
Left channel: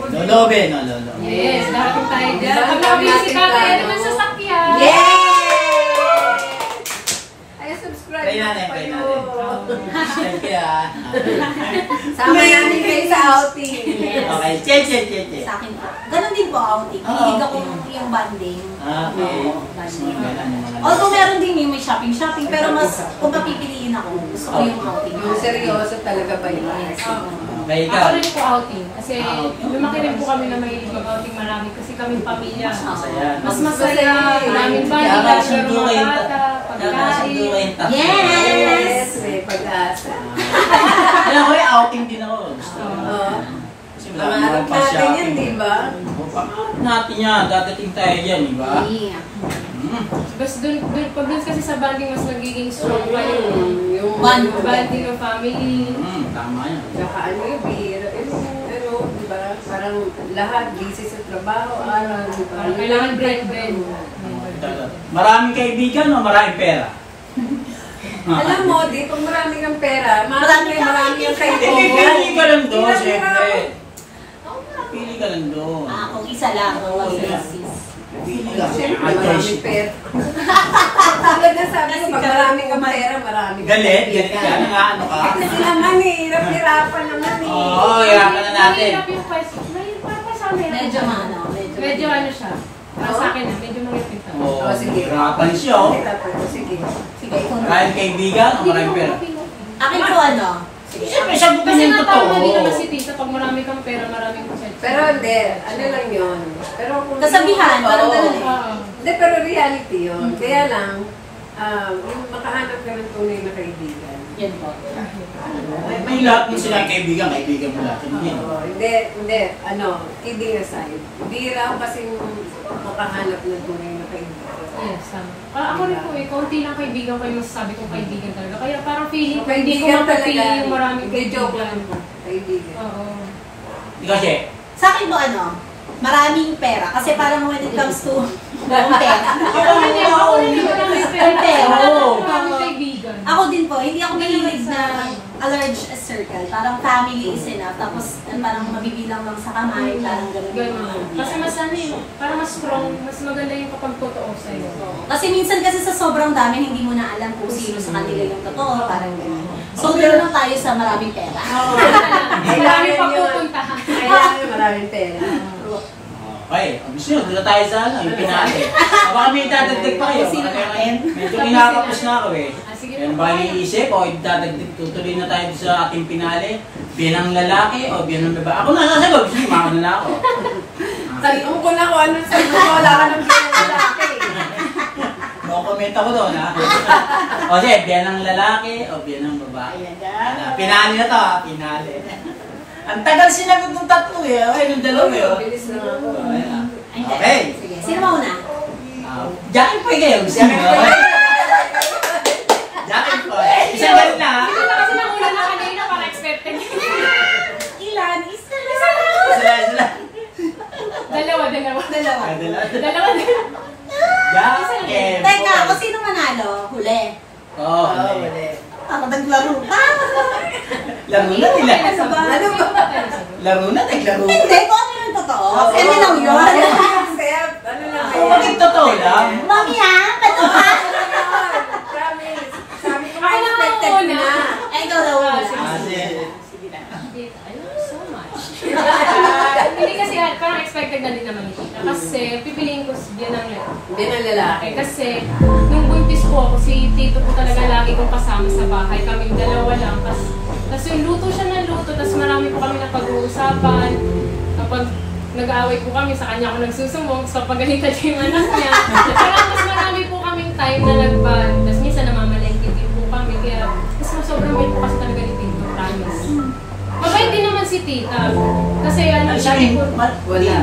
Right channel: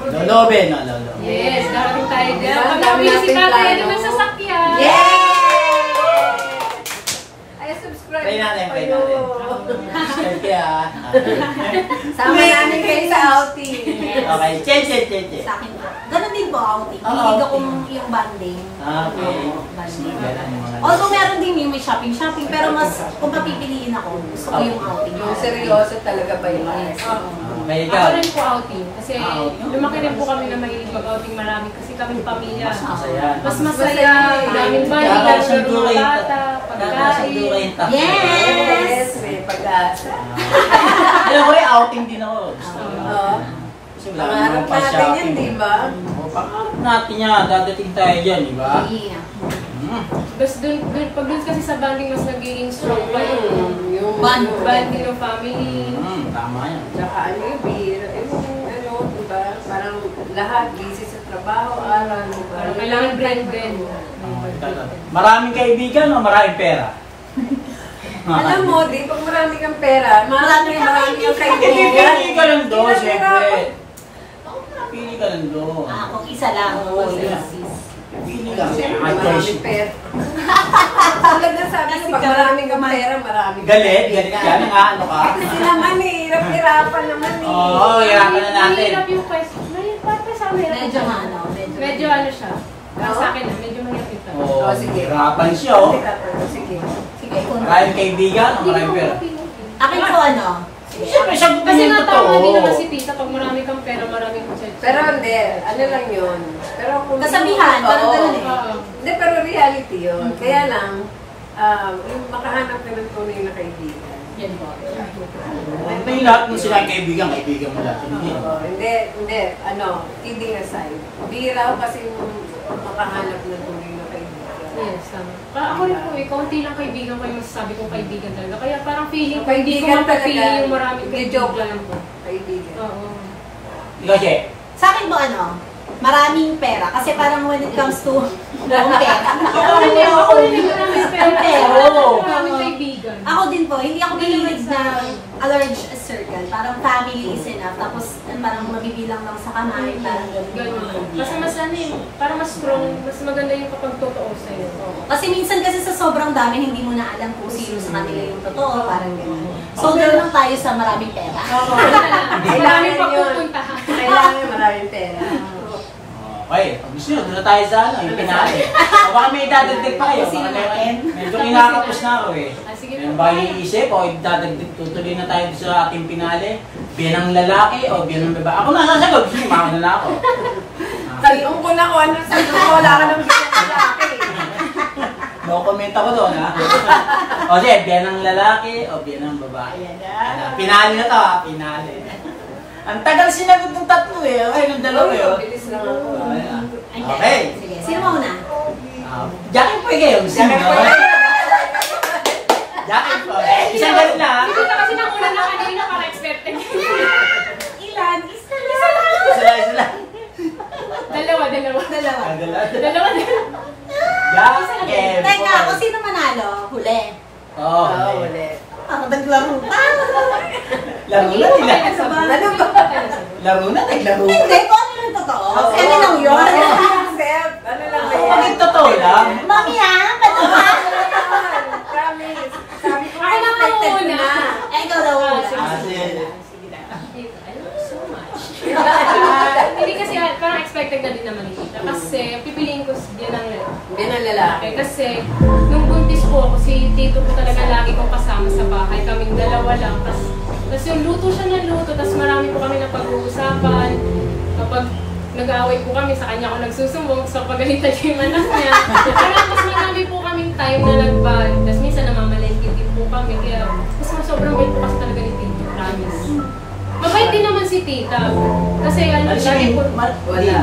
Lolobe, no? Lolo. Yes, darating tayo dyan. Diba? Pag Dami nating nakabisita tayo plano. naman sa sakyan. Ay, subscribe Try natin, try kayo. Siyempre, ha? Sama namin kayo sa outing. Okay, che. Sa akin po. Ganon din po outing. Ah, Hindi ko outing. yung banding. Okay. Oo, banding. Ganun, mga- Although meron din yung may shopping, pero mas kung papipiliin ako, gusto ko yung outing. Yung seryoso talaga ba yun? Okay, ikaw. Ako rin po outing. Kasi Outing. lumaki rin po kami na mahilig mag-outing marami. Kasi kami pamilya. Masaya. Mas masaya. Daming balik. Dapat Pero sundo mga kayo. bata, Dapat sundo kayo pagkain. yung tatlo. Yes! May pag-asa. Alam ko rin, outing din ako. Gusto ko. Oo. Kasi wala Pangarap naman pa natin yan, shopping. di ba? Pangarap natin yan. Dadating tayo dyan, di ba? Yeah. Tapos pag dun kasi sa banding, mas nagiging strong pa yung Yung banding ng family. Tama yan. Tsaka ano yung beer, ano, di ba? Parang lahat busy sa trabaho, aral, di ba? Parang kailangan break. Maraming kaibigan o maraming pera? Alam mo, di pag marami kang pera, marami kang kaibigan. Pili ka lang doon, Hirap-hirap. siyempre. Pili ka lang doon. Kung isa lang, huwag sis. Pili ka. Siyempre, May maraming choice. pera. Talaga sabi ko, pag marami kang pera, marami kang Galit ka. kaibigan. Ano ka? Kasi naman eh, hirap-hirapan naman eh. Oo, hirapan na natin. Mahirap yung question. Mahirap sa akin. Medyo Medyo ano siya. Sa akin na, medyo mahirap ito. Oo, Oh, sige. hirapan siya, oh. Sige. Sige, kung Maraming kaibigan o maraming pera? akin po ano? Siyempre, sagot Kasi yung natama din naman totoo. si Tita, pag marami kang pera, maraming possession. Pero hindi, ano lang yun. Pero kung Kasabihan, parang Oo. ganun eh. Oo. Hindi, pero reality yun. Kaya lang, yung makahanap ka ng tunay na kaibigan. Yan po. May lahat ng silang kaibigan mo lahat. Hindi. Hindi, kidding aside. Bihira kasi makahanap ng tunay na kaibigan. Yes, tama. Ako rin po, kaunti lang kaibigan ko yung masasabi kong kaibigan talaga. Kaya parang feeling ko, hindi ko Kaibigan mapapili talaga. yung maraming Hindi, joke kaibigan. lang po. Kaibigan. Oo. Ikaw, Che. Sa akin po ano? Maraming pera. Kasi parang when it comes to pera. Ako rin maraming pera. Ang pera. Oo. Maraming kaibigan. Ako din po, hindi ako mahilig na a large circle. Parang family is enough. Tapos parang mabibilang lang sa kamay. Parang ganun. Ganun. Kasi mas ano eh, parang mas strong, mas maganda yung kapag totoo sa'yo. Kasi minsan kasi sa sobrang dami, hindi mo na alam kung sino sa kanila yung totoo. Parang ganun. So, doon lang tayo sa maraming pera. Marami pa yun. pupuntahan. Kailangan maraming pera. Okay, gusto nyo, doon na tayo sa yung pinali. O baka may dadagdag pa kayo. Sino natin? Medyo kinakapos na ako eh. Sige Meron po. ba kayong iisip o dadagdag, tutuloy na tayo sa ating pinali? Bilang lalaki o bilang babae? Ako na nasagot, hindi, maka na ako. Tanong ko na kung ano sabi ko, wala ka ng lalaki. No comment ako doon, ha? O sige, bilang lalaki o bilang babae? Pinali na to, ha? Pinali. Ang tagal sinagot ng tatlo eh. Okay, ng dalawa eh. Bilis lang ako. Okay. Sige. Sino mauna? Jackie po kayo. Jackie po. Isang galing na, ha? Ito kasi nauna na kanina para expected. Ilan? Isa. Sila. Dalawa. Dalawa. Jackie. Teka, kung sino manalo? Huli. Oo. Ulit. Naglaro pa. Laro na nila. Ano ba? Laro na, naglaro. Hindi, kung ano yung totoo. Ano lang yun? Accept. Ano lang ba Kung yan? totoo lang. Mami ha? Ano ba? Promise. Sabi ko, Ako na expected ko muna. na. Ay, ikaw daw una. Sige. Sige na. I love you so much. Hindi kasi parang expected na din naman dito. Kasi pipiliin ko din ang lalaki. Hindi na lalaki. Kasi nung buntis po ako, si Tito po talaga lagi kong kasama sa bahay. Kaming dalawa lang. Tapos yung luto siya ng luto. Tapos marami po kami na pag-uusapan. Kapag nag-aaway po kami, sa kanya ako nagsusumbong. So pagalitan siya yung anak niya. Pero mas marami po kaming time na nag-bond. Tapos minsan namamalengke din po kami. Kaya mas sobrang bait po kasi talaga ni Tito. Promise. Mabait din naman si Tita. Kasi ano, lagi po... Wala.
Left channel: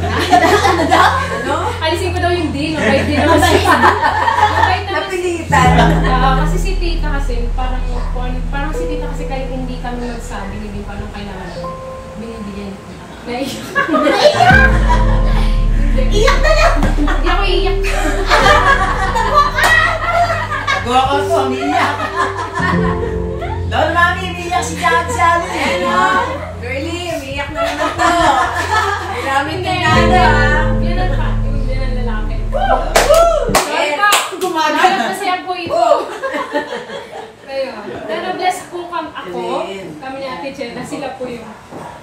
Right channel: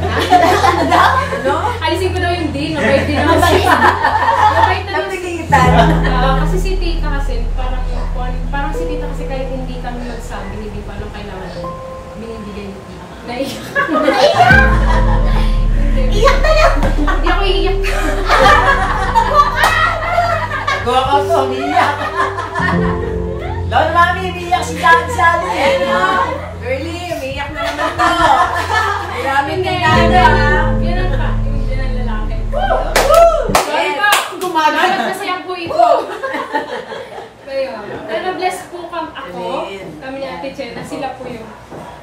Ano? Alisin ko daw yung din. Mabait din naman si Tita. Mabait na Napilitan. kasi si Tita kasi, parang si Tita kasi kahit kami magsabi, hindi pa nung kailangan namin. Binibigyan. Naiyak. Iyak na yan! Hindi ako iiyak. Nagawa ko po, umiiyak. Doon, mami, umiiyak si Daddy Sally. Ayan o. Girlie, umiiyak na naman to. Maraming kailangan ha. Yan ang pa, yung bilang lalaki. Yes. Gumagana kasi po ito. Kayo. Pero blessed po ako, kami ni Ate Chen, na sila po yung...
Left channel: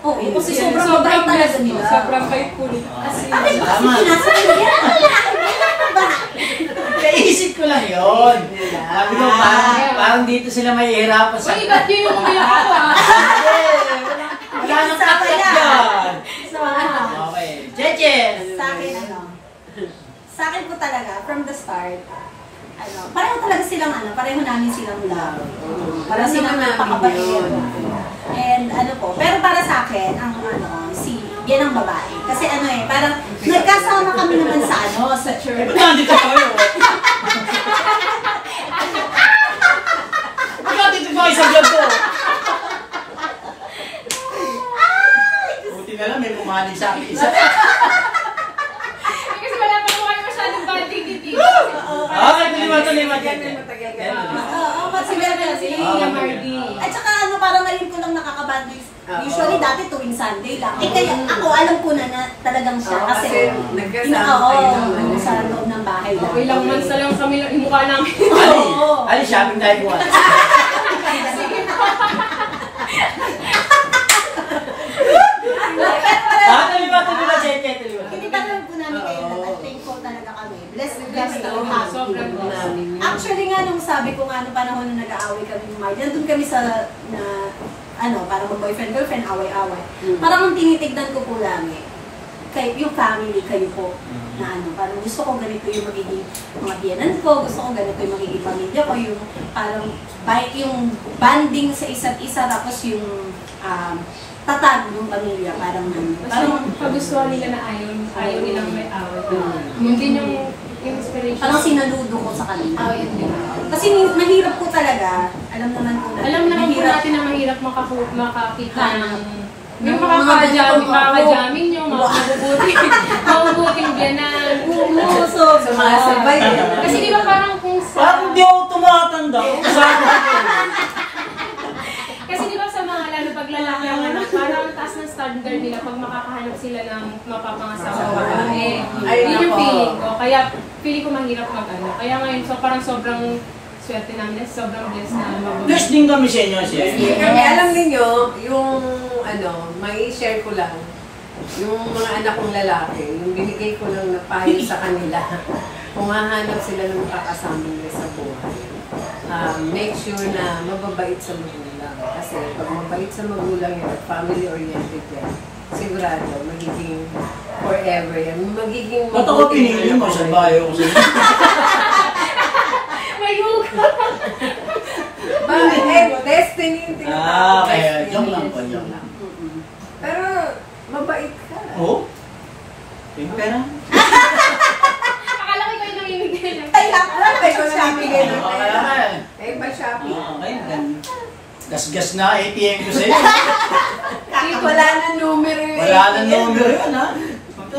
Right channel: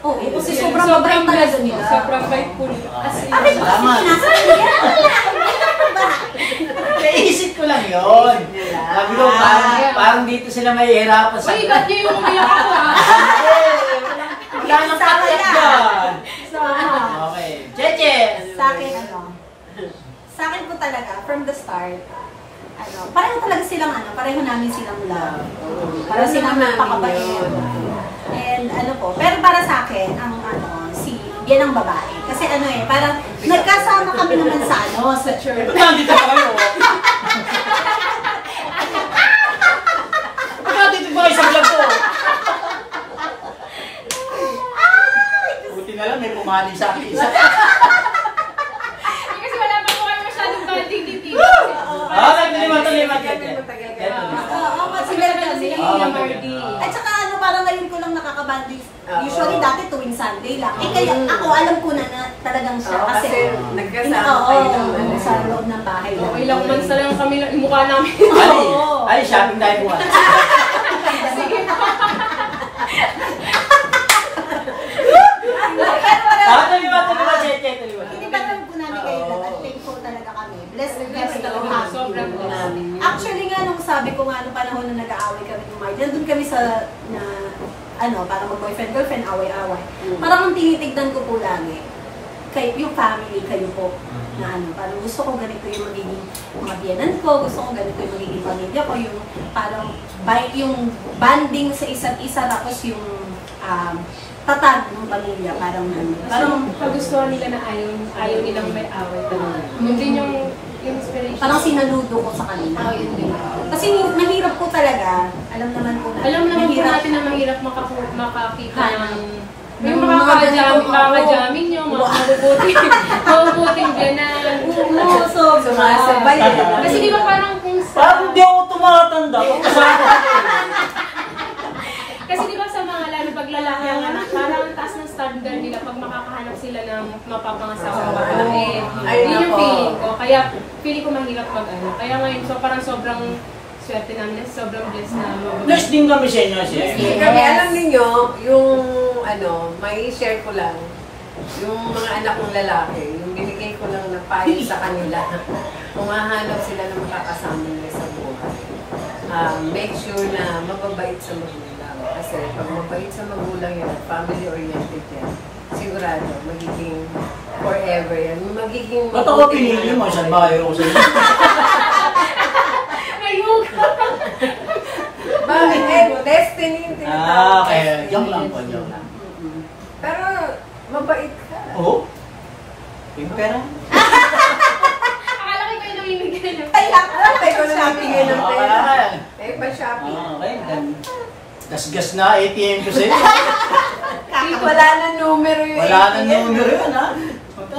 Oo, kasi sobrang mabait talaga nila. Sobrang bait po nila. Kasi, Salamat. Naisip ko lang yun. Sabi ko, parang dito sila mahihirapan sa... uy, ba't niyo yung umiyak ako ah? Wala nang tatak dyan. So, Okay. Cheche! sa akin, sa akin po talaga, from the start, pareho talaga silang pareho namin silang love. Pareho silang napakabait. And pero para sa akin, yan ang babae. Kasi parang nagkasama kami naman sa church. Nandito kayo. Nandito ba isang dyan po? Buti na lang, may pumali sa akin isa. Kasi wala pa po kayo masyadong banding-titig. Talima. Matagal ka. Oo, kasi meron kasi Kuya Mardy. At saka parang ngayon ko lang nakakabanding. Usually dati tuwing Sunday lang. Kaya ako alam ko na talagang siya. Oo, Kasi nagkasama kayo naman. sa loob ng bahay lang. Ilang months na lang kami nag-imukha namin. Ali, shopping tayo buwan. Sige po. Talima, Cheche. Hindi pa naman po namin kayo at thankful talaga kami. Blessed ako happy. Sobrang namin. Actually nga nung sabi ko nga nung panahon na nag-aaway kami ng Mark, nandun kami sa parang mag-boyfriend-girlfriend, away-away. Parang ang tinitignan ko po lang yung family, kayo po. Na parang gusto ko ganito yung magiging mga biyanan ko, gusto ko ganito yung magiging pamilya ko, yung parang yung banding sa isa't isa, tapos yung tatag ng pamilya, parang Kagustuhan nila na ayaw nilang may away. Yun din yung inspiration. parang sinaludo ko sa kanila. Kasi mahirap ko talaga, alam naman po natin. Alam naman po natin na mahirap makakita ng yung makakajamin nyo, mabubuting biyanan. Sumasabay. Kasi di ba parang kung sa... Parang hindi ako tumatanda. Kasi di ba sa mga lalo pag lalaki ang anak, parang ang taas ng standard nila pag makakahanap sila ng mapapangasawa o babae. Yun yung feeling ko. Kaya feeling ko mahirap mag-ano. Kaya ngayon, so parang sobrang swerte namin, sobrang blessed na mabuti. Bless din kami sa inyo, Kami, alam niyo yung may share ko lang, yung mga anak kong lalaki, yung binigay ko lang na payo sa kanila, kung hahanap sila ng makakasama nila sa buhay. Make sure na mababait sa magulang. Kasi pag mabait sa magulang yun, family-oriented yan, sigurado, magiging forever yan. Magiging Ba't ako pinili mo? Salbahe ako sa inyo. Bakit? Destiny yung tinatawag. Okay. Joke lang po, joke lang. Pero, mabait ka. Oo? Yung pera? Akala ko kayo namimigay ng Tayo ko na bibigay ng pera. Eh, pa-shopping. Okay, then. Gasgas na ATM ko sa'yo. Wala na numero yung Wala na numero yun, ha?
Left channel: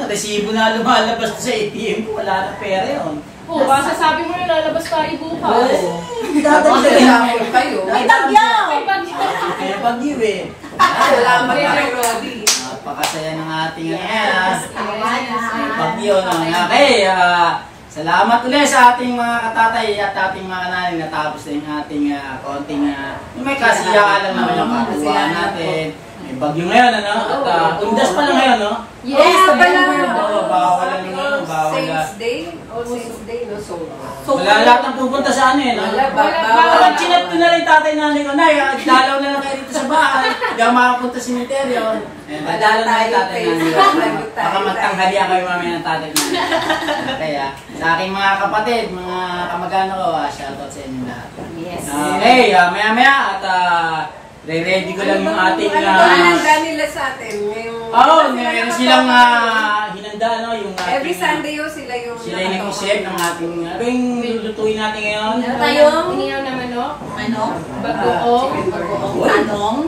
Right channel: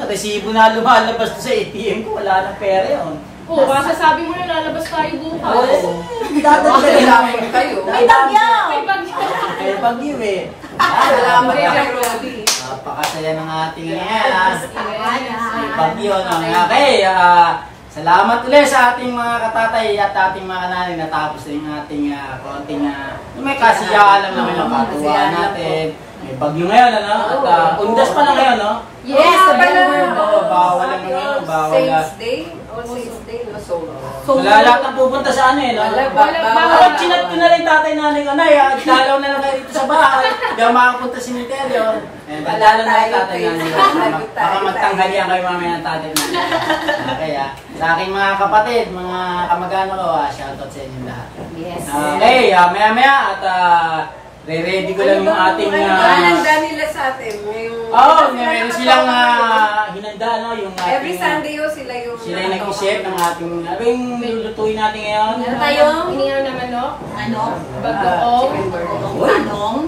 Resibo na lumalabas sa ATM ko, wala na pera yun. Oo, kasi sabi mo yun, lalabas tayo bukas. Oo. Shopping kayo. May bagyo! Ay, bagyo. Eh, pag-iw eh. Salamat kay Roddy. Napakasaya ng ating yan. Tawanan. Bagyo na. Okay, salamat ulit sa ating mga katatay at ating mga nanay. Natapos na yung ating konting may kasiyahan naman ang pagkuha natin. May bagyo ngayon, ano? At undas pa lang ngayon, no? Yes, pala. Bawal na ngayon, bawal na. Saints Day? All Saints Day, no? So, Wala lahat ang pupunta sa ano eh. wala, Parang chinat ko na rin tatay nanay ko, Nay, dalaw na lang kayo dito sa bahay. Hindi ako makapunta sa cemetery. Dalaw na lang tatay nanay ko. Baka magtanghalian kayo mamaya ng tatay nanay. Kaya, sa aking mga kapatid, mga kamag-ano ko, shoutout sa inyo lahat. Yes. Okay, maya-maya at Ready ko lang yung ating... Ano ba hinanda nila sa atin? Meron silang hinanda, no? Yung ating, Every Sunday yun sila yung sila yung nag-share ng ating... Ano yung lulutuin natin ngayon? Ano tayong? Iniyaw na manok, Manok? bagoong, Talong?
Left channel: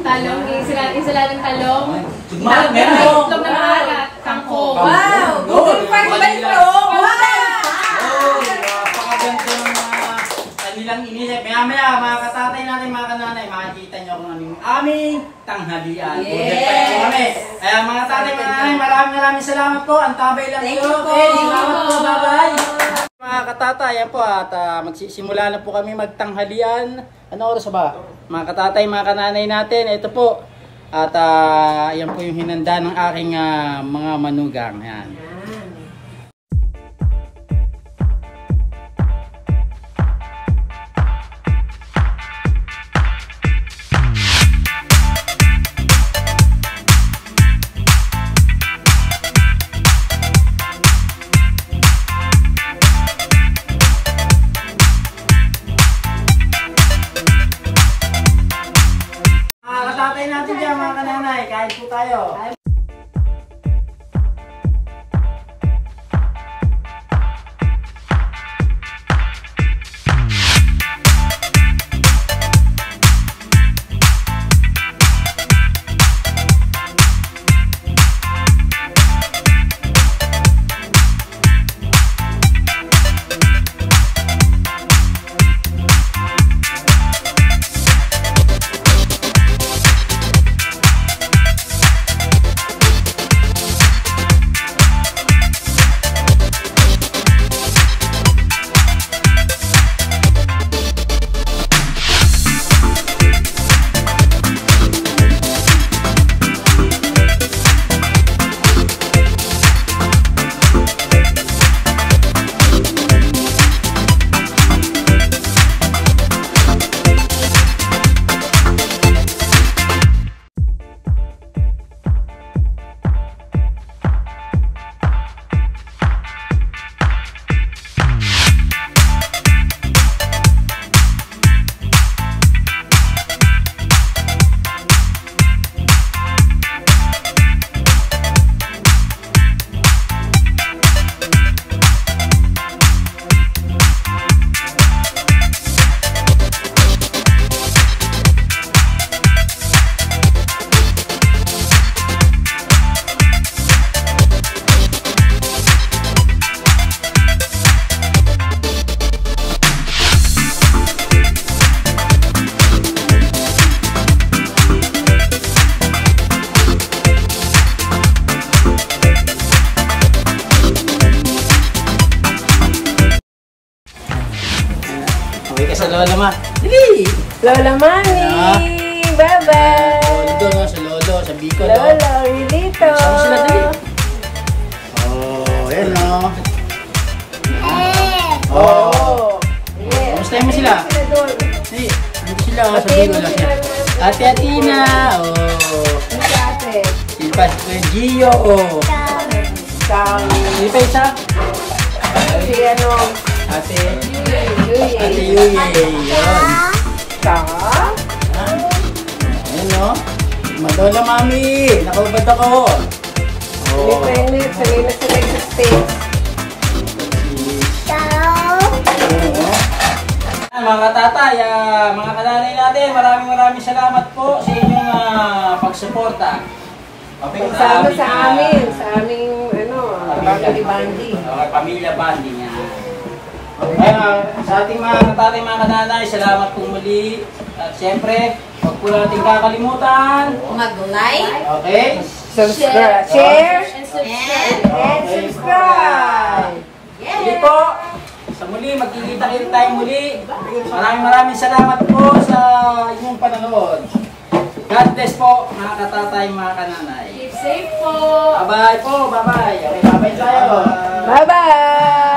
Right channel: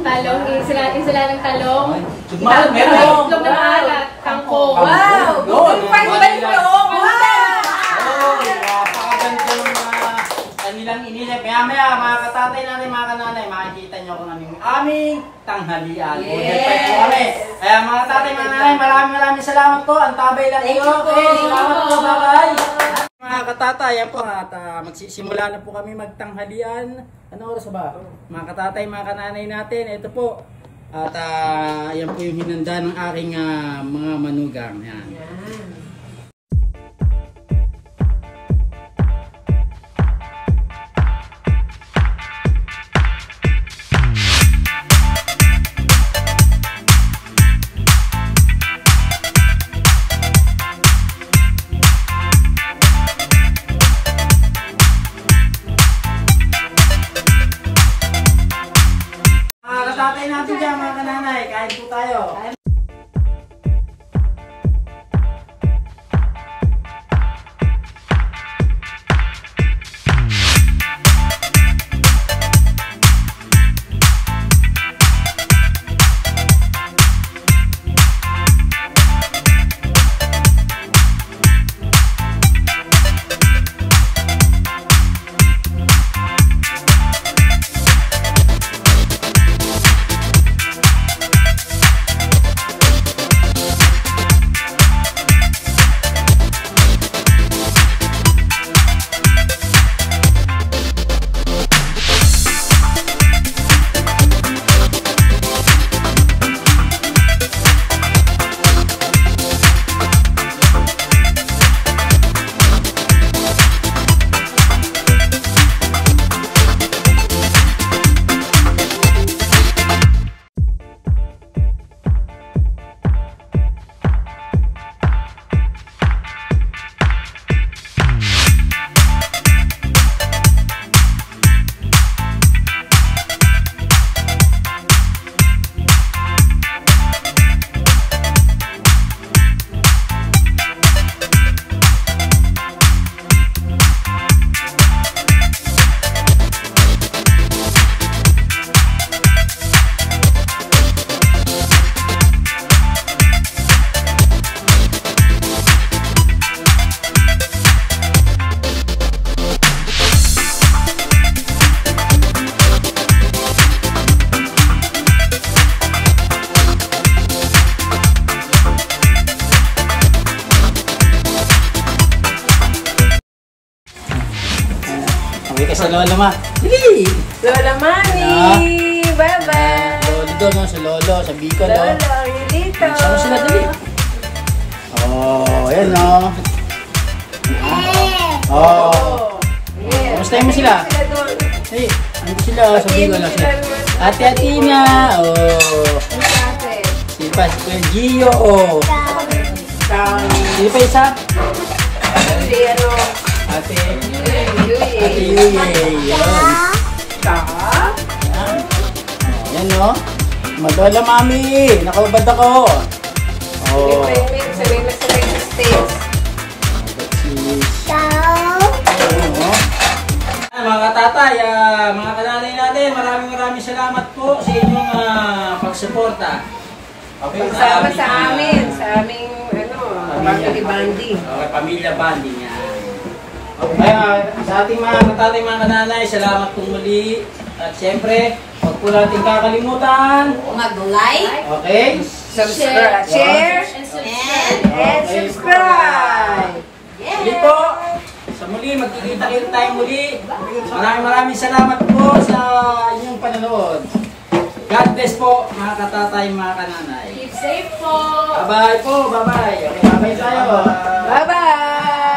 sila ng talong, Meron! itlog na alat, kangkong. Wow! Good for Bandung! Wow! Napakaganda yung kanilang inilit. Maya-maya, mga katatay natin, mga kananay, makikita nyo kung aming tanghalian. Yes! Kaya mga tatay, mga nanay, maraming salamat po. Ang tabay lang Thank po. you po. Okay, salamat po. Bye-bye. Mga katatay, yan po at magsisimula na po kami magtanghalian. Ano oras ba? Mga katatay, mga kananay natin, ito po. At yan po yung hinanda ng aking mga manugang. Yan. Tatay natin dyan mga kananay, kain po tayo. Sa Lola Ma. Dili! Lola Mami! Ah. Bye-bye! Lolo, no? Sa Lolo, sa Bicol, no? Lolo, dito! Sama sila, dali. Oh, ayan, no? Oh. Kamustahin mo sila? Hey, ano sila sa Bicol? Ate Atina. Oh. Sila si Kuya Gio. Sila pa isa? Ate Yuye. Yan. Ayan, no? Madola, Mami. Nakababad ako. Oh. Mga katatay, mga kananay natin, maraming salamat po sa inyong pagsuporta. Pagsama sa amin, sa aming family bonding. Pamilya bonding yan. Kaya sa ating mga katatay, mga kananay, salamat po muli. At siyempre, huwag po natin kakalimutan. Mag-like, Okay? share, and subscribe. Sige po. Sa muli, magkikita-kita tayo muli. Maraming salamat po sa inyong panonood. God bless po, mga katatay, mga kananay. Keep safe po! Bye-bye po, bye-bye. Okay, bye-bye tayo. Bye-bye!